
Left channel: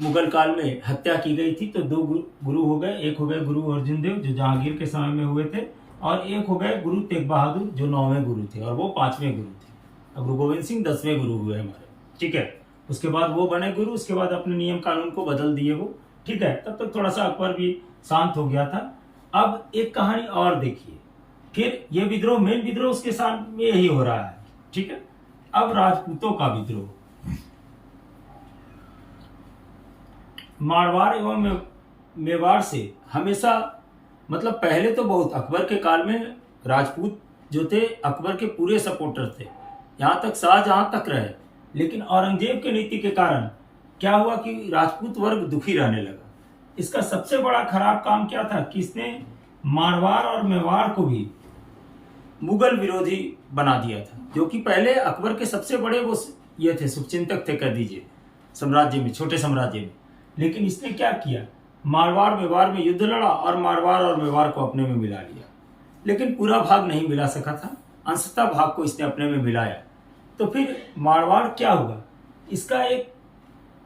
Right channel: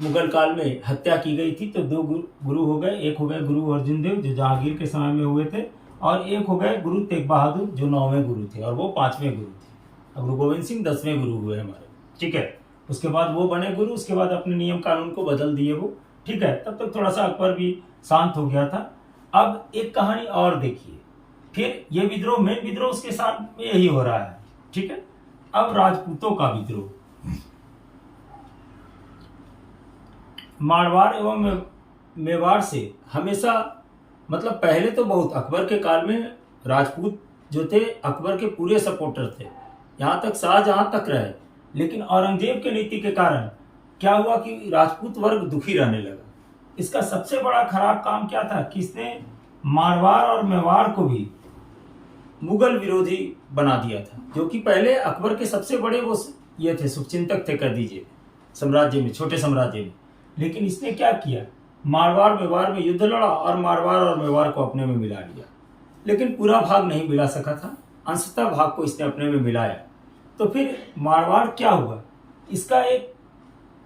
मुगल काल में हत्या की गई थी, तो दो गुरु हो गए। एक हो गए गुरु अर्जुन देव जो जहांगीर के समय में हुए थे, और एक हो गए गुरु तेग बहादुर जो 9वें गुरु थे, और वो 5वें गुरु थे। अब गुरु गोविंद सिंह 10वें गुरु हुए हमारे, ठीक है। उसके बाद वो बने गुरु, उसके बाद अपने नियम कानून को बदल दिए वो, ठीक है। तब तक थोड़ा सा अकबर भी शांत हो गया था। अब एक कहानी और देखिए, फिर ये विद्रोह, मेन विद्रोह उसके साथ में यही हो रहा है, ठीक है। अब राजपूतों का विद्रोह, मारवाड़ एवं मेवाड़ से हमेशा, मतलब पहले तो बहुत, अकबर के काल में राजपूत जो थे अकबर के पूरे सपोर्टर थे, यहाँ तक शाहजहां तक रहे। लेकिन औरंगजेब के नीति के कारण क्या हुआ कि राजपूत वर्ग दुखी रहने लगा। इसका सबसे बड़ा खराब काम क्या था कि इसने मारवाड़ और मेवाड़ को भी मुगल विरोधी बना दिया था, जो कि पहले अकबर के सबसे बड़े वो ये थे, शुभचिंतक थे कह दीजिए साम्राज्य में, छोटे साम्राज्य में। लेकिन इसने क्या किया, मारवाड़ मेवाड़ में युद्ध लड़ा और मारवाड़ और मेवाड़ को अपने में मिला लिया। लेकिन पूरा भाग नहीं मिला सका था, अंशतः भाग को इसने अपने में मिलाया। तो फिर मारवाड़ क्या हुआ, इसका एक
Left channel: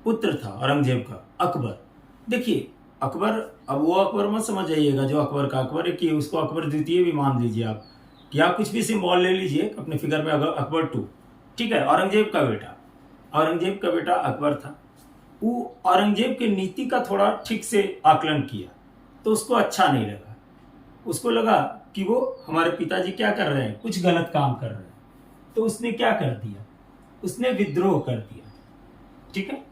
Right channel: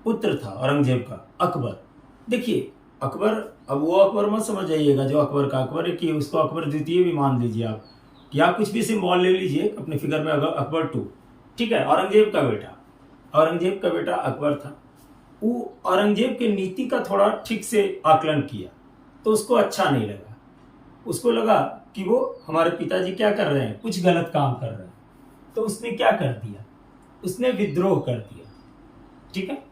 पुत्र था औरंगजेब का, अकबर। देखिए अकबर, अब वो अकबर मत समझ जाइएगा जो अकबर का अकबर है कि उसको अकबर द्वितीय भी मान लीजिए आप, या कुछ भी सिंबल ले लीजिए अपने फिगर में, अकबर 2, ठीक है। औरंगजेब का बेटा, औरंगजेब का बेटा अकबर था। वो औरंगजेब के नीति का थोड़ा ठीक से आकलन किया तो उसको अच्छा नहीं लगा। उसको लगा कि वो हमारे पिताजी क्या कर रहे हैं, कुछ गलत काम कर रहे हैं। तो उसने क्या कर दिया, उसने विद्रोह कर दिया, ठीक है।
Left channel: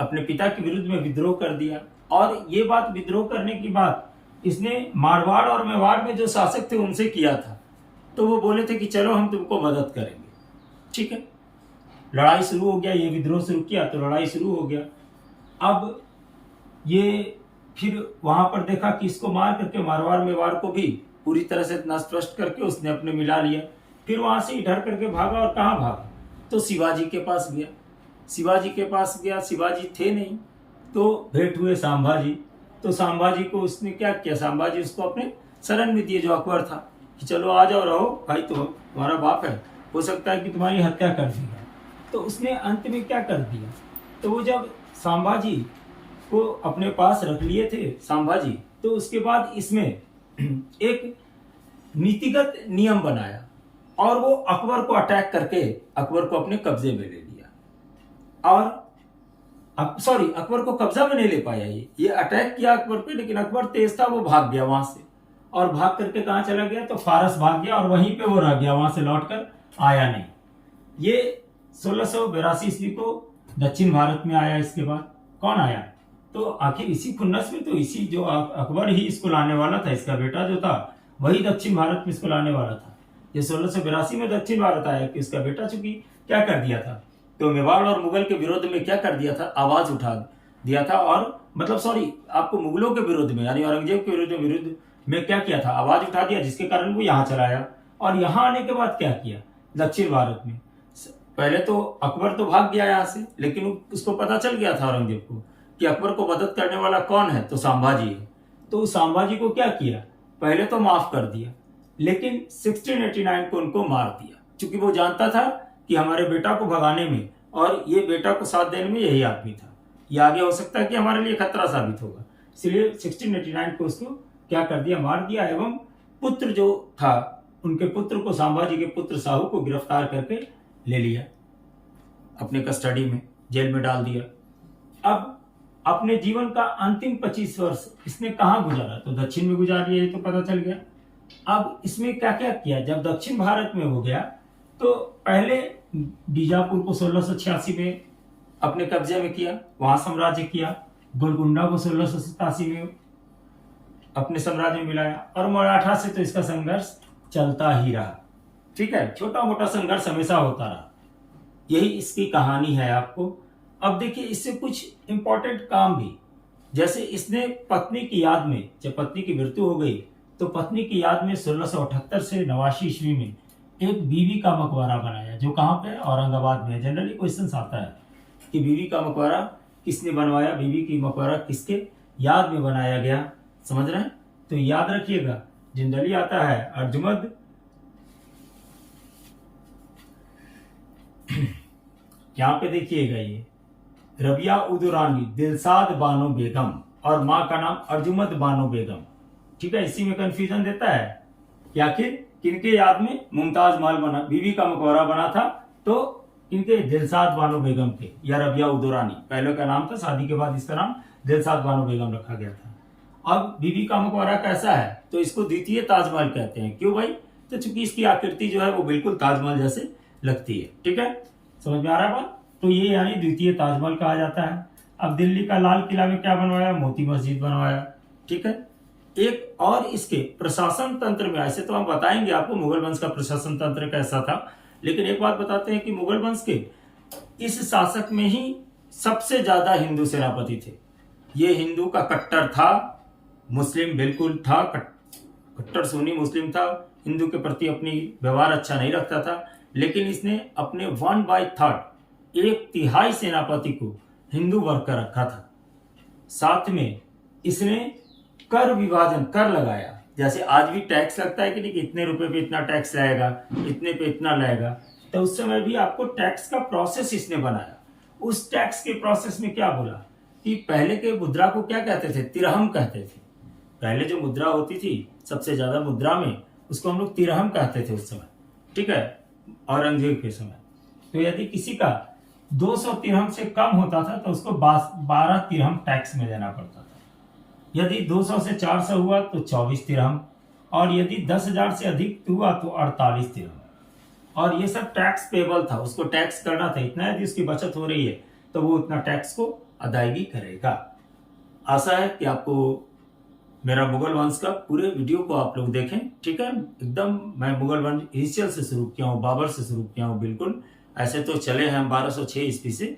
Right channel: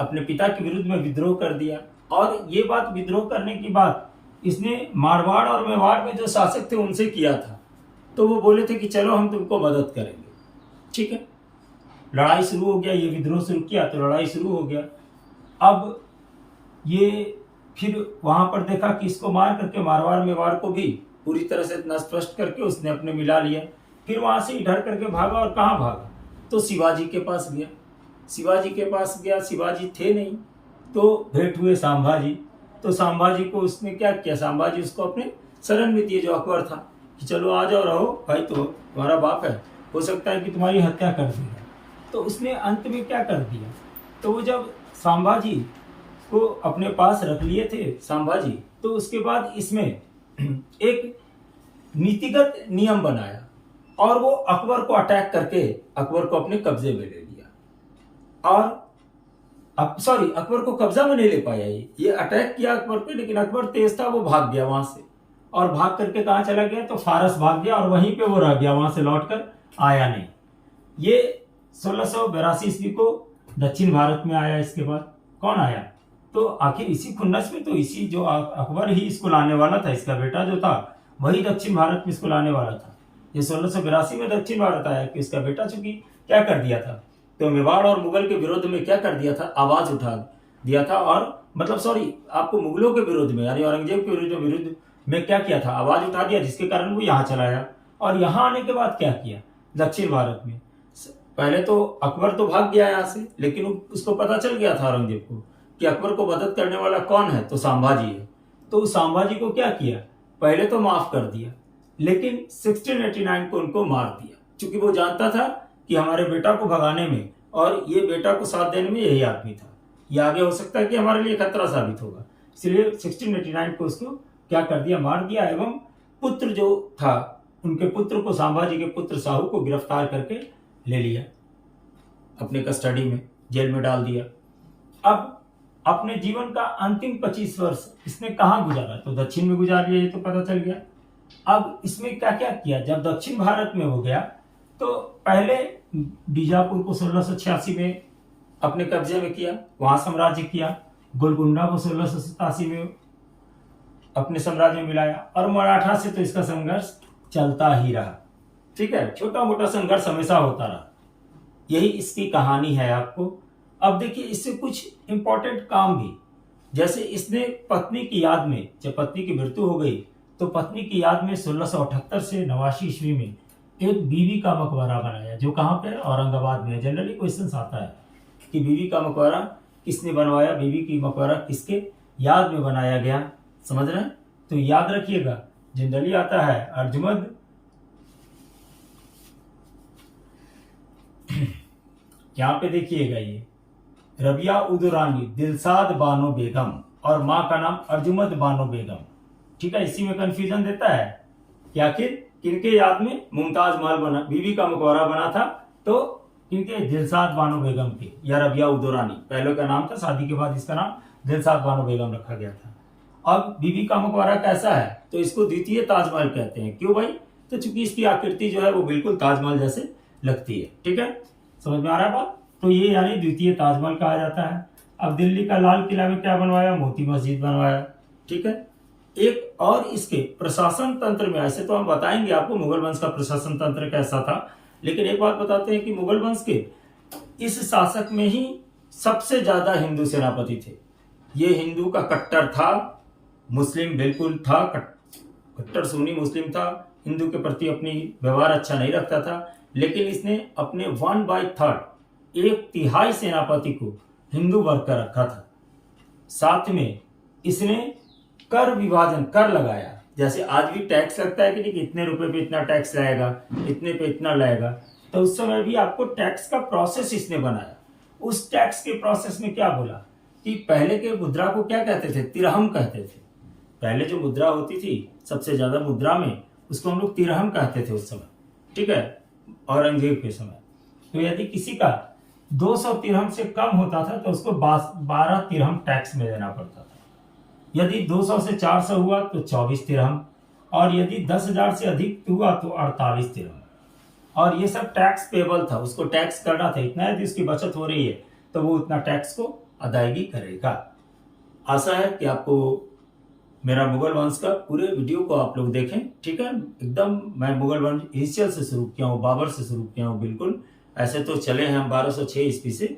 अपने पिता के विरुद्ध में विद्रोह कर दिया। और ये बात, विद्रोह करने की बात इसने मारवाड़ और मेवाड़ में जो शासक थे उनसे किया था। तो वो बोले थे कि चलो हम तुमको मदद करेंगे, ठीक है। लड़ाई शुरू हो गया, ये विद्रोह शुरू किया तो लड़ाई शुरू हो गया। अब ये फिर वहां पर देखा कि इसको मार करके मारवाड़ मेवाड़ को भी पूरी तरह से नष्ट करके उसने अपने मिला लिया। फिर वहां से इधर करके भागा, और कहाँ भागा, तो शिवाजी के पास गया। शिवाजी के पास गया, शिवाजी थे नहीं, तो भेंट हुए संभाजी। तो संभाजी को उसने क्या किया, संभाजी उसको अपने शरण में दिए, जो अकबर था, कि चलो आ जाओ, रहो भाई, तो तुम्हारा बाप है, हो सकता है कि तुम्हारी हत्या कर देगा। तो उसने अंत में क्या कर दिया, तो वो जब संभाजी को अपने पास रख लिए थे संभाजी, तो उसके बाद इसमें एक नीतिगत नियम बनाया और वो अकबर को अटैक करके अकबर को अपने कब्जे में ले लिया। और सॉरी, अकबर को कब्जा में नहीं ले पाया, ये अटैक किया अकबर पे, लेकिन अकबर तेज था, वो भाग गया वहां से। और भाग करके कहाँ चला गया, तो फारस भाग गया और वहीं पे वो रह गया, वहां से लौटकर आया नहीं। ये 1682 ईस्वी को दक्षिण भारत में आया। इसके बाद कौन आया, तो आखिर इसी खुन्नस में, तो इसी जो अकबर ही इसको लाने वाला था, इसका बेटा जो था वही दक्षिण भारत में इसको लाने वाला था। ये 1682 में दक्षिण भारत आया कि उसका बेटा चूंकि क्या कर दिया था, तो मेवाड़ और मुगल के विरोध में क्या कर दिया था, आवाज उठा दिया था। और मतलब सॉरी, आपको मुगलों के विरोध में, यानी औरंगजेब के विरुद्ध में क्या किया था, आवाज उठा दिया, जिसके कारण वो यहाँ चला आया। और यहाँ आने के बाद क्या किया, दक्षिण भारत में पहले तो अकबर तो भाग गया यहाँ से, लेकिन उसको पता चल गया था औरंगजेब को कि अकबर को मदद करने वाला कौन है, तो संभाजी है। तो संभाजी को क्या किया, पहले तो माफ कर दिया, लेकिन 1689 को उनको मार दिया, क्योंकि वो जानता था कि हमारे बेटा को भगाने में और ये बेटा को साथ देने में यही आदमी था, ये आगे हो सकता है कि हमारे लिए खतरा साबित होगा। इसलिए 1689 को उसको क्या कर दिया, मार दिया। एवं पुत्र जो था, उनके पुत्र को, संभाजी के पुत्र साहू को गिरफ्तार करके ले लिया, अपने कस्टडी में, जेल में डाल दिया। अब अपने जीवन का अंतिम 25 वर्ष इसने कहाँ गुजारा, तो दक्षिण में गुजार लिया, ये तो पता चल गया। अब इसमें क्या क्या किया, जब दक्षिण भारत में हो गया तो पहले बीजापुर को 1686 में अपने कब्जे में किया, वहां साम्राज्य किया। गोलकुंडा को 1687 में अपने साम्राज्य में मिलाया, और मराठा से तो इसका संघर्ष चलता ही रहा, ठीक है। छोटा मोटा संघर्ष हमेशा होता रहा, यही इसकी कहानी है आपको। अब देखिए इससे कुछ इंपॉर्टेंट काम भी, जैसे इसने पत्नी की याद में, जब पत्नी की मृत्यु हो गई तो पत्नी की याद में 1678 से 89 ईस्वी में एक बीवी का मकबरा बनाया, जो कहाँ पे, औरंगाबाद में। जनरली क्वेश्चन आता है कि बीवी का मकबरा किसने बनवाया, बीवी की मकबरा किसके याद में बनाया गया, समझ रहे हैं, तो याद रखिएगा। जनरली आता है अर्जुमंद यहाँ पे देखिएगा, ये रबिया उदुरानी दिलशाद बानो बेगम और माँ का नाम अर्जुमंद बानो बेगम। ठीक है, इसी में कंफ्यूजन देता है कि आखिर किनके याद में मुमताज महल बना, बीबी का मकबरा बना था, तो इनके दिलशाद बानो बेगम के या रबिया उदुरानी पहले का नाम था, शादी के बाद इसका नाम दिलशाद बानो बेगम रखा गया था। अब बीबी का मकबरा कैसा है, तो इसको द्वितीय ताजमहल कहते हैं। क्यों भाई, तो चूंकि इसकी आकृति जो है वो बिल्कुल ताजमहल जैसे लगती है। ठीक है, समझ में आ रहा है बात। तो ये यानी द्वितीय ताजमहल कहा जाता है। अब दिल्ली का लाल किला में क्या बनवाया, मोती मस्जिद बनवाया। ठीक है, एक और इसके प्रशासन तंत्र में, ऐसे तो हम बताएंगे आपको मुगल वंश का प्रशासन तंत्र कैसा था, लेकिन एक बात बताते हैं कि मुगल वंश के इस शासक में ही सबसे ज्यादा हिंदू सेनापति थे। ये हिंदू का कट्टर था, मुस्लिम बिल्कुल था, कट्टर सुन्नी मुस्लिम था, हिंदू के प्रति अपनी व्यवहार अच्छा नहीं रखता था, लेकिन इसने अपने 1/3 1/3 सेनापति को हिंदू वर्ग का रखा था। साथ में इसने कर विभाजन, कर लगाया। जैसे आज भी टैक्स लगता है कि नहीं, कि इतने रुपए पे इतना टैक्स लाएगा, इतने पे इतना लाएगा, तो उस समय भी आपको टैक्स का प्रोसेस इसने बनाया। उस टैक्स के प्रोसेस में क्या बोला कि पहले के मुद्रा को क्या कहते थे, तिरहम कहते थे। पहले जो मुद्रा होती थी सबसे ज्यादा मुद्रा में, उसको हम लोग तिरहम कहते थे उस समय। ठीक है, औरंगजेब के समय। तो यदि किसी का 200 तिरहम से कम होता था तो उसको 12 तिरहम टैक्स में देना पड़ता था। यदि 200 से 400 हुआ तो 24 तिरहम, और यदि 10,000 से अधिक हुआ तो 48 तिरहम। और ये सब टैक्स पेबल था, उसको टैक्स करना था इतना। यदि उसकी बचत हो रही है तो वो उतना टैक्स को अदायगी करेगा। आशा है कि आपको मेरा मुगल वंश का पूरे वीडियो को आप लोग देखें। ठीक है, एकदम मैं मुगल वंश हिस्ट्री से शुरू किया हूँ, बाबर से शुरू किया हूँ। बिल्कुल ऐसे तो चले हैं हम 1206 ईस्वी से।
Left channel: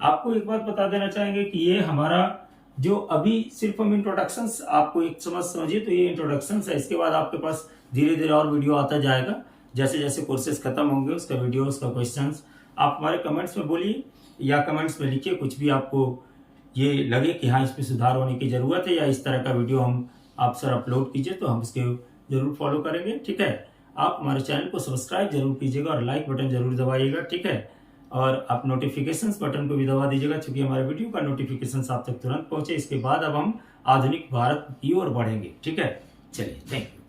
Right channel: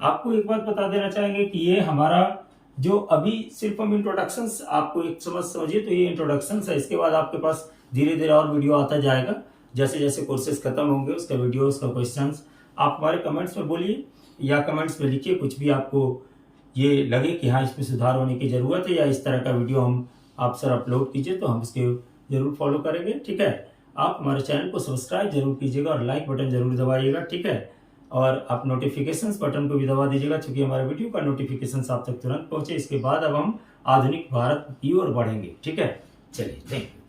आपको एक बात बता देना चाहेंगे कि ये हमारा जो अभी सिर्फ हम इंट्रोडक्शन आपको एक समझिए, तो ये इंट्रोडक्शन है। इसके बाद आपके पास धीरे धीरे और वीडियो आता जाएगा। जैसे जैसे कोर्सेज खत्म होंगे उसका वीडियो, उसका क्वेश्चन आप हमारे कमेंट्स में बोलिए या कमेंट्स में लिखिए। कुछ भी आपको ये लगे कि हाँ इसमें सुधार होने की जरूरत है या इस तरह का वीडियो हम आप सर अपलोड कीजिए, तो हम इसके जरूर फॉलो करेंगे। ठीक है, आप हमारे चैनल को सब्सक्राइब जरूर कीजिएगा और लाइक बटन जरूर दबाइएगा। ठीक है, और आप नोटिफिकेशंस बटन को भी दबा दीजिएगा, क्योंकि हमारे वीडियो का नोटिफिकेशन आप तक तुरंत पहुंचे। इसके बाद अब हम आधुनिक भारत की ओर बढ़ेंगे। ठीक है, चलिए, थैंक यू।